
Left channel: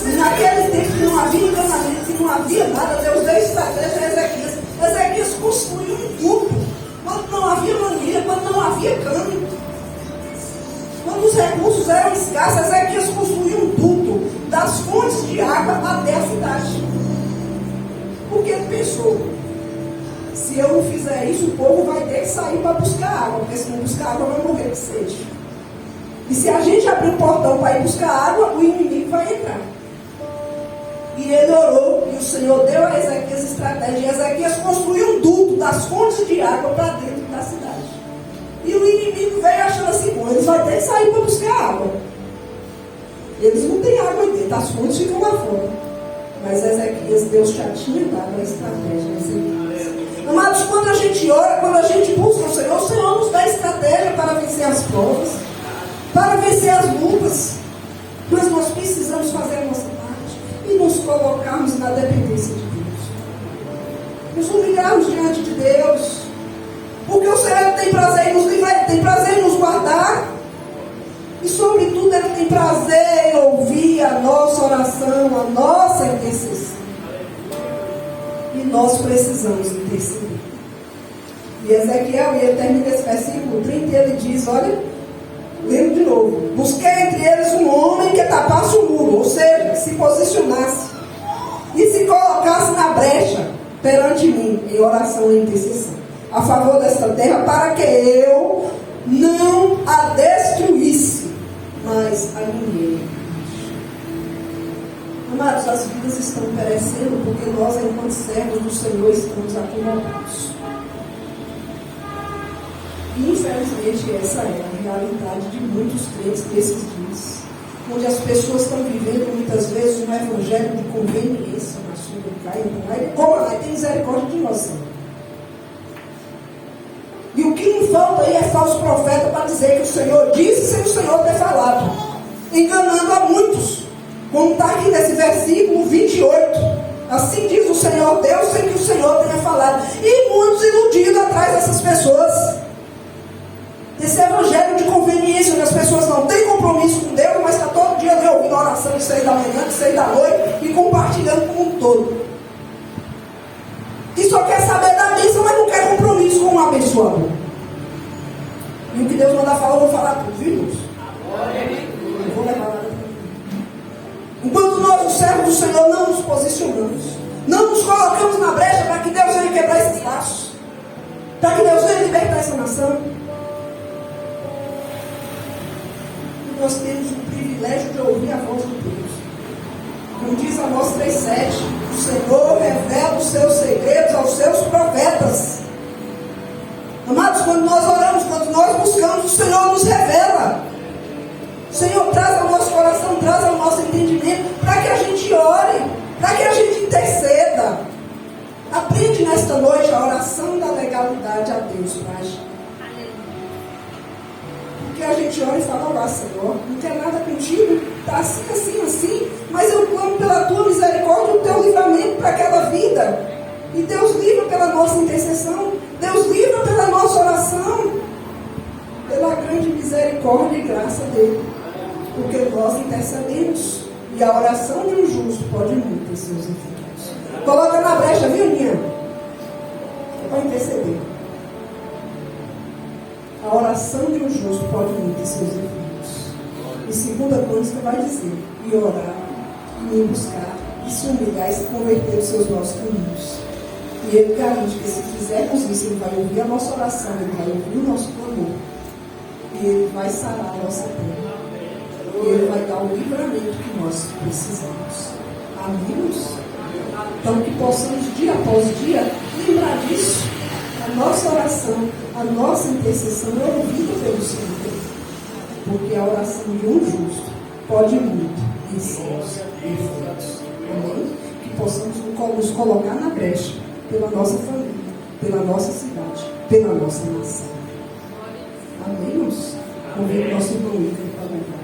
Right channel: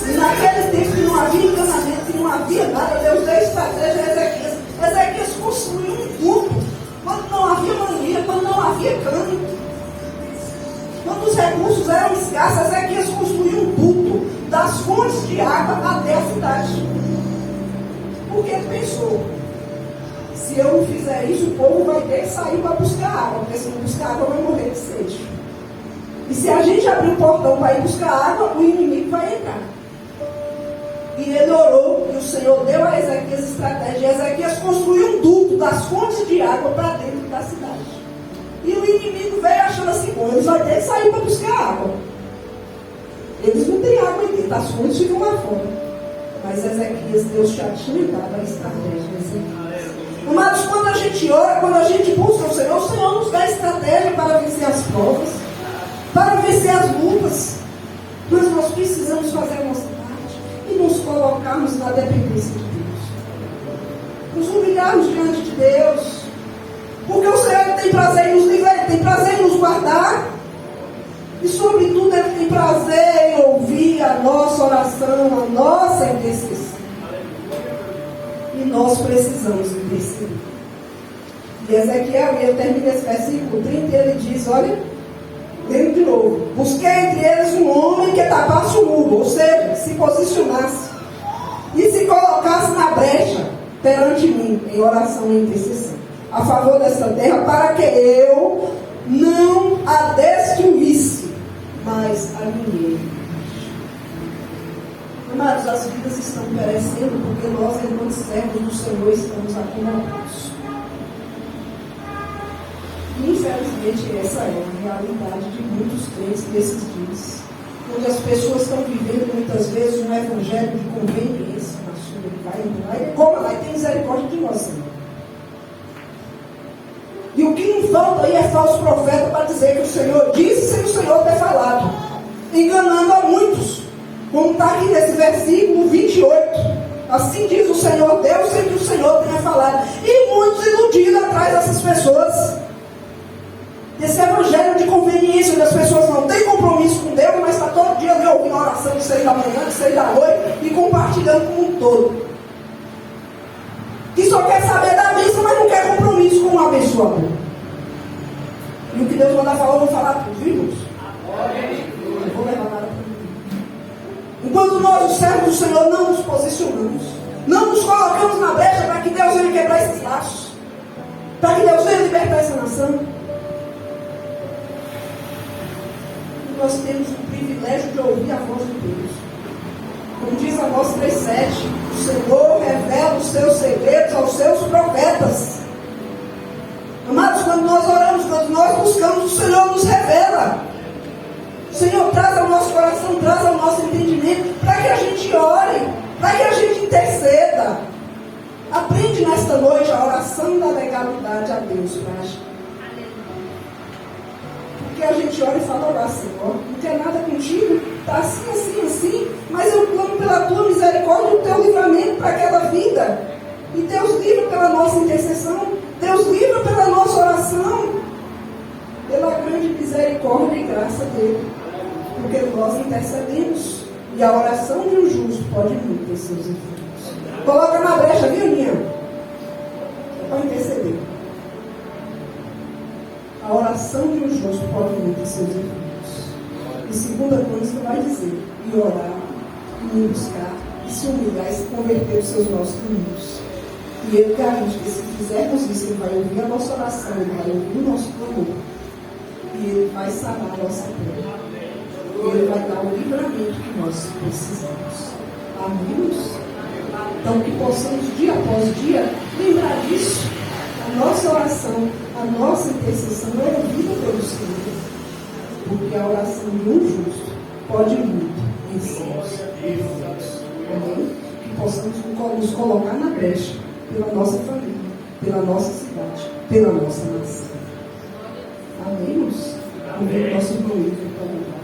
E naquele tempo que não havia encanamento, que não havia nada, Deus deu estratégia a Ezequias. Ezequias construiu um duto, quando não havia manilha, quando não havia cano, quando os recursos eram escassos, Ezequias construiu um duto das fontes de água até a cidade. Porque ele pensou, se eu não fizer isso, o povo vai ter que sair para buscar água, porque se não buscar água vai morrer de sede. E se a gente abrir o portão para ir buscar água, o inimigo vai entrar. E ele orou, e o Senhor deu a Ezequias estratégia. E Ezequias construiu um duto das fontes de água para dentro da cidade. E o inimigo veio achando assim, bom, eles vão ter que sair para buscar água. Eles não têm água aí dentro, as fontes ficam lá fora. Mas Ezequias, Deus já tinha dado a estratégia a Ezequias. Amados, quando a gente ora, quando a gente busca o Senhor nos dá estratégia para vencer as provas, para vencer as lutas. Mas nós precisamos fazer a nossa parte e nos colocarmos na dependência de Deus. Nos humilharmos diante de Deus. Porque o Senhor tem prazer em nos livrar, Ele tem prazer em nos guardar. E sobretudo Ele tem prazer em ouvir a nossa oração, a nossa intercessão. E nós precisamos interceder. E Ezequiel, ele termina esse versículo 30 e ele diz, olha, lendo de novo, busquei entre eles um homem que tapasse o muro, ou seja, se posicionasse e se colocasse na brecha perante mim, em oração e intercessão, a favor desta terra, para que eu não a destruísse, mas a ninguém. Amados, as vidas estão perecendo porque nós, enquanto servos do Senhor, estamos acomodados. E, infelizmente, essa é a realidade de muitos crentes desses dias, onde as pessoas estão vivendo, muitas vezes, um evangelho de conveniência na sua vida. Como lá, tem misericórdia de nós, Senhor. E o que não falta aí é falso profeta para dizer que o Senhor disse sem o Senhor ter falado, enganando a muitos. Como está aqui nesse versículo 28. Assim diz o Senhor Deus, sem que o Senhor tenha falado. E muitos iludidos atrás dessas pessoas. Esse evangelho de conveniência, onde as pessoas não têm compromisso com Deus, mas está todo dia ouvindo oração de 6 da manhã, de 6 da noite, e compartilhando com um todo. Que só quer saber da bênção, mas não quer compromisso com o abençoador. E o que Deus manda falar, eu vou falar para os filhos. Eu vou levar nada para mim. Enquanto nós, os servos do Senhor, não nos posicionamos, não nos colocamos na brecha para que Deus venha quebrar esses laços, para que Deus venha libertar essa nação. Nós temos o privilégio de ouvir a voz de Deus. Como diz Amós 3,7, o Senhor revela os seus segredos aos seus profetas. Amados, quando nós oramos, quando nós buscamos, o Senhor nos revela. O Senhor traz ao nosso coração, traz ao nosso entendimento, para que a gente ore, para que a gente interceda. Aprende nesta noite a oração da legalidade a Deus, Pai. Porque a gente ora e fala, olá, Senhor, não quer nada contigo, está assim, mas eu clamo pela tua misericórdia e o teu livramento para aquela vida. E Deus livra pela nossa intercessão, Deus livra pela nossa oração, pela grande misericórdia e graça dele. Porque nós intercedemos, e a oração de um justo pode muito em seus efeitos. Coloca na brecha, viu, minha? Para interceder. A oração de um justo pode muito em seus efeitos. E segunda coisa que vai dizer, e orar, e buscar, e se humilhar, e se converter nos seus nossos caminhos. E ele garante que se fizermos isso, ele vai ouvir a nossa oração, ele vai ouvir o nosso clamor, e ele vai sarar a nossa terra. E ele vai dar o livramento que nós precisamos. Amém? Então que possamos dia após dia lembrar disso. A nossa oração, a nossa intercessão é ouvida pelo Senhor. Porque a oração de um justo pode muito em seus efeitos. Amém? Que possamos nos colocar na brecha pela nossa família, pela nossa cidade, pela nossa nação. Amém? Convido o nosso irmão para